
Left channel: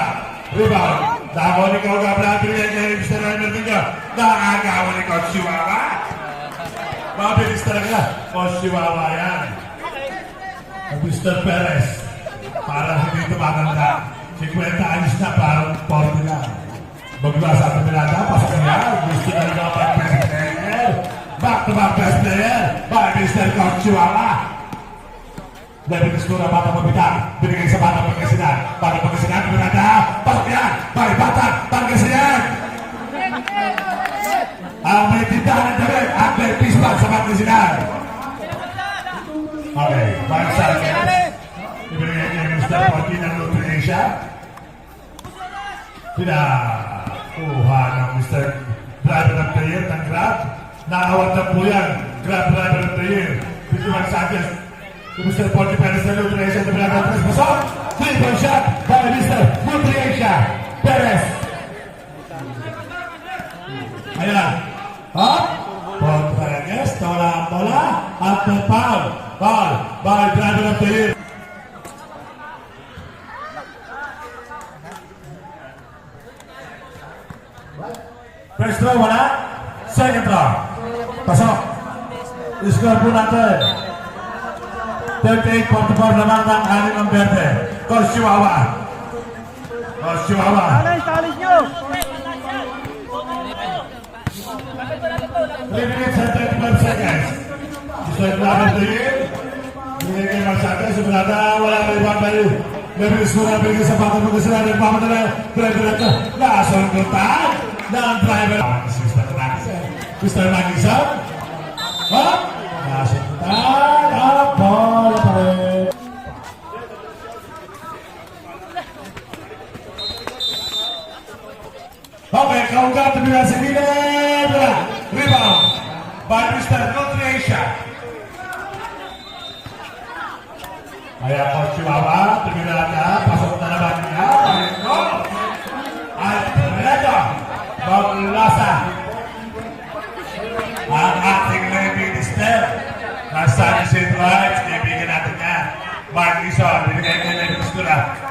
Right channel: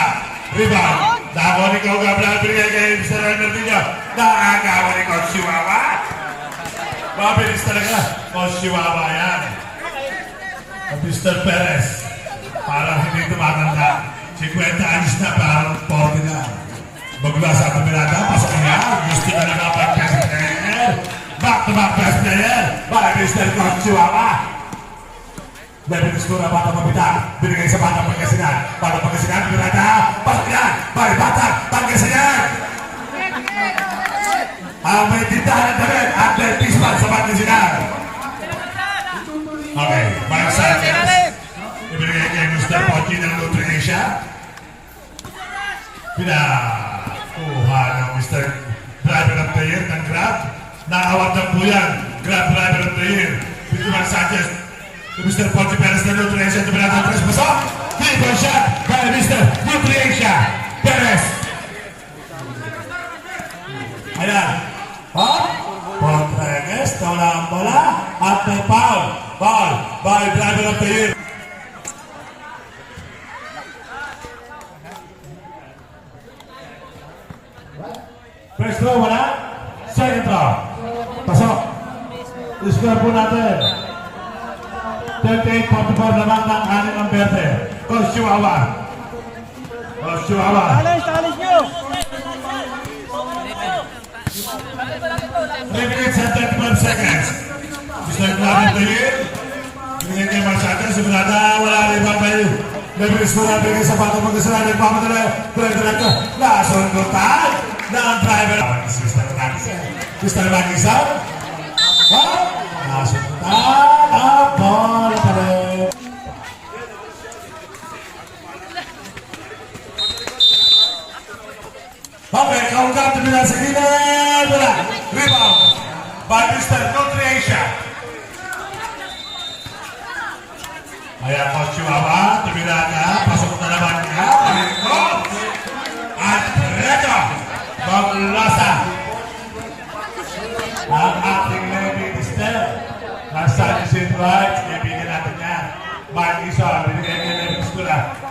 Rebound. Nakakaw ni Kau Gabla, binigay kay Mr. Herrera. Nakakaw ni Kau Chihuahua. Mabilis talaga. Kau Chihuahua yan. Mr. Perez. Parang hindi tumatanda. 50 anos na, parang 40 na. Bagla sa tumirata, pasok niya. Gusto na lang ang best player. Back-to-back best player. By Mr. Kau Chihuahua. Dahil Destura, bata mabita. Binigay sa bata Pangasinan. Bata Pangasinan, tumirata. Pasok niya. By bata Pangasinan. May tindahan na rin. After Pispan sa Pangasinan. Okay, Mark Sanchez. Ibigay kay Mr. Poti ng Nutricia. Pinakuha ng Mr. Driver of the Year ng Grab. Nakawag na po yan. Grab Driver of the Year. Mr. Mark Sanchez. Mr. Poti Perez ng Nutricia. Tuminata Perez. Pasok. Triple shot by Mr. Nutricia. Perez. Ayan. Hop. Pontrenes. Tawala ang bola. At may foul. Foul by Driver of the Year. First row, wala. Second row. Pasok. Score po natin. 38-44 naman ng anim ng berde. Kau Chihuahua. Talis nyo! 3 minutes and 35 seconds. Mr. Club of the Year. Binigay kay Marsada, simulada, wala na ibang kayo. Levis muna, binigay sa pato magkasira, nagpapadala, pinagdala, nasundutan, ng driver. Mr. Nagisa, nasundutan, ang bola pa rin. Okay, kaugat, tumila sa gilid, wala, rebound, by Mr. Nutrition. Kaya Coach Chihuahua, tumila ka, pasok na naman niya, Palingo, at Reto, maglasa ang ating Levy Mister. Nasa St. Rights, ibigin natin niya. Mark Lison, binigay kay Levy Mister.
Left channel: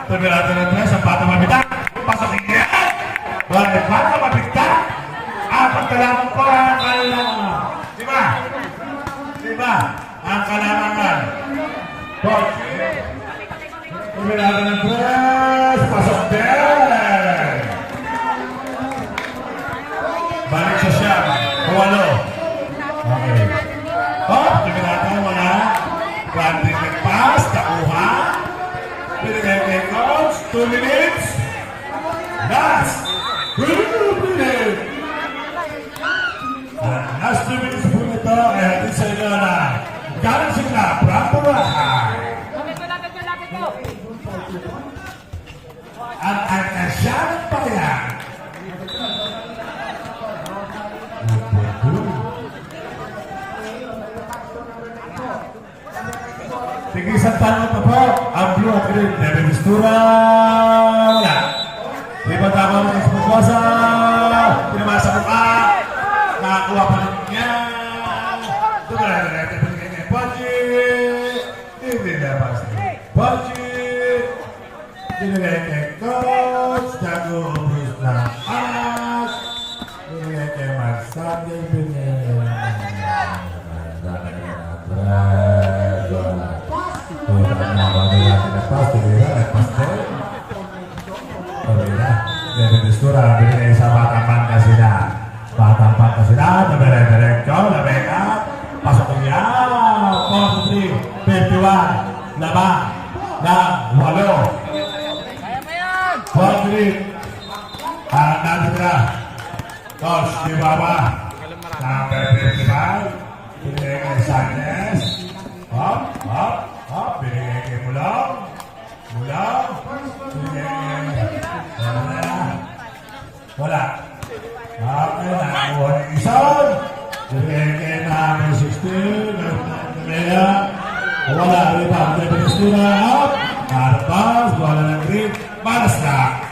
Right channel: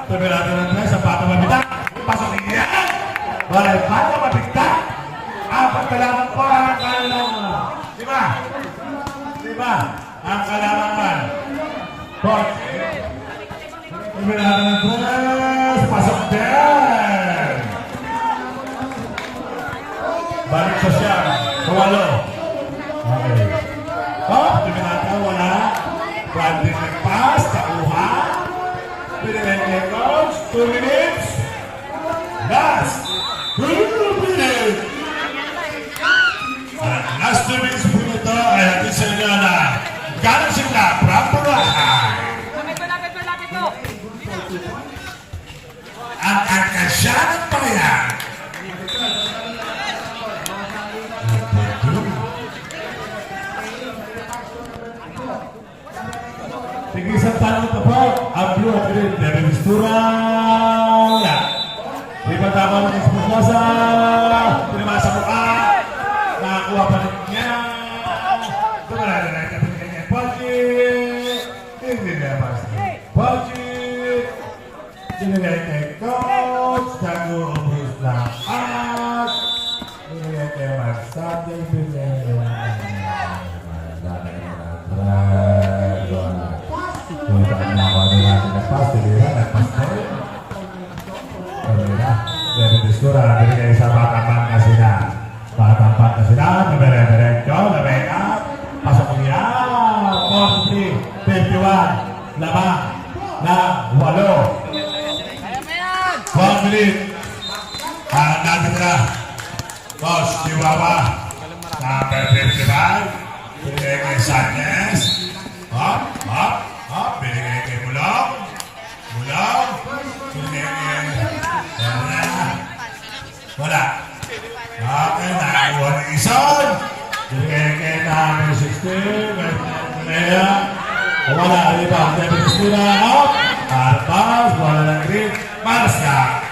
Tumila ka sa bata mabitak, pasok niya. Wala bata mabitak, ang pagkalaman ko ang kalaman. Diba? Diba? Ang kalaman. Coach, Pemilihan terus pasok din. Balik sa siya. Kuwalo. Okay. Oh, pemilihan ko wala. Pwede nagpas, takuha. Pinagay kay Coach. 2 minutes. Last 2 minutes. At last 2 minutes po ito ay atin sa inyo na galing sila, Prampulaan. Ang Arkasya ng Bayan. Sige, isang tanong ito po. Ang blue at green, Levy Mistura. Di ba tama ng Esposa? Pinamasa mukha. Nakakuha pa rin niya. Tumala na rin. Tapos ganyan. Pojit. Hindi na ba? Pojit. Dinilay kay Coach. Tago ubus na at. Dinilay kay Magsade. Binigay sa batang na sila. Batang na sila. Nagare-diretso. Labeka. Pasok niya. 43, 21. Laba. Na 8. Complete. Ang natitra. Coach Chihuahua. Number 55. Binigay kay Sanchez. Hop. Hop. Hop. Binigay kay Mulong. Mulong. Binigay kay wala. Okay, nakakuha ng isang. Binigay kay number 16. Wala. Diba? David Estura. Out. Artos. Wala ng green. Marska.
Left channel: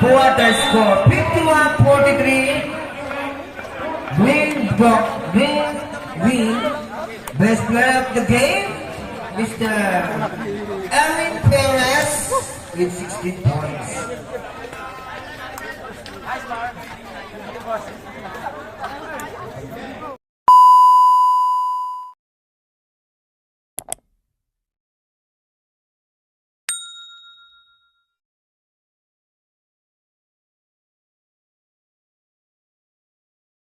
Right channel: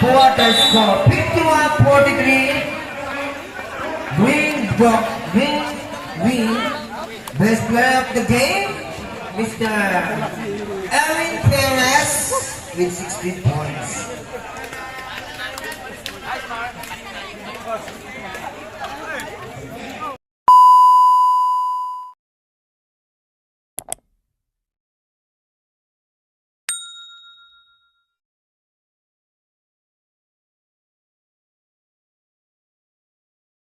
Quarter score 51-43. Win. Best player of the game, Mr. Erwin Perez with 16 points.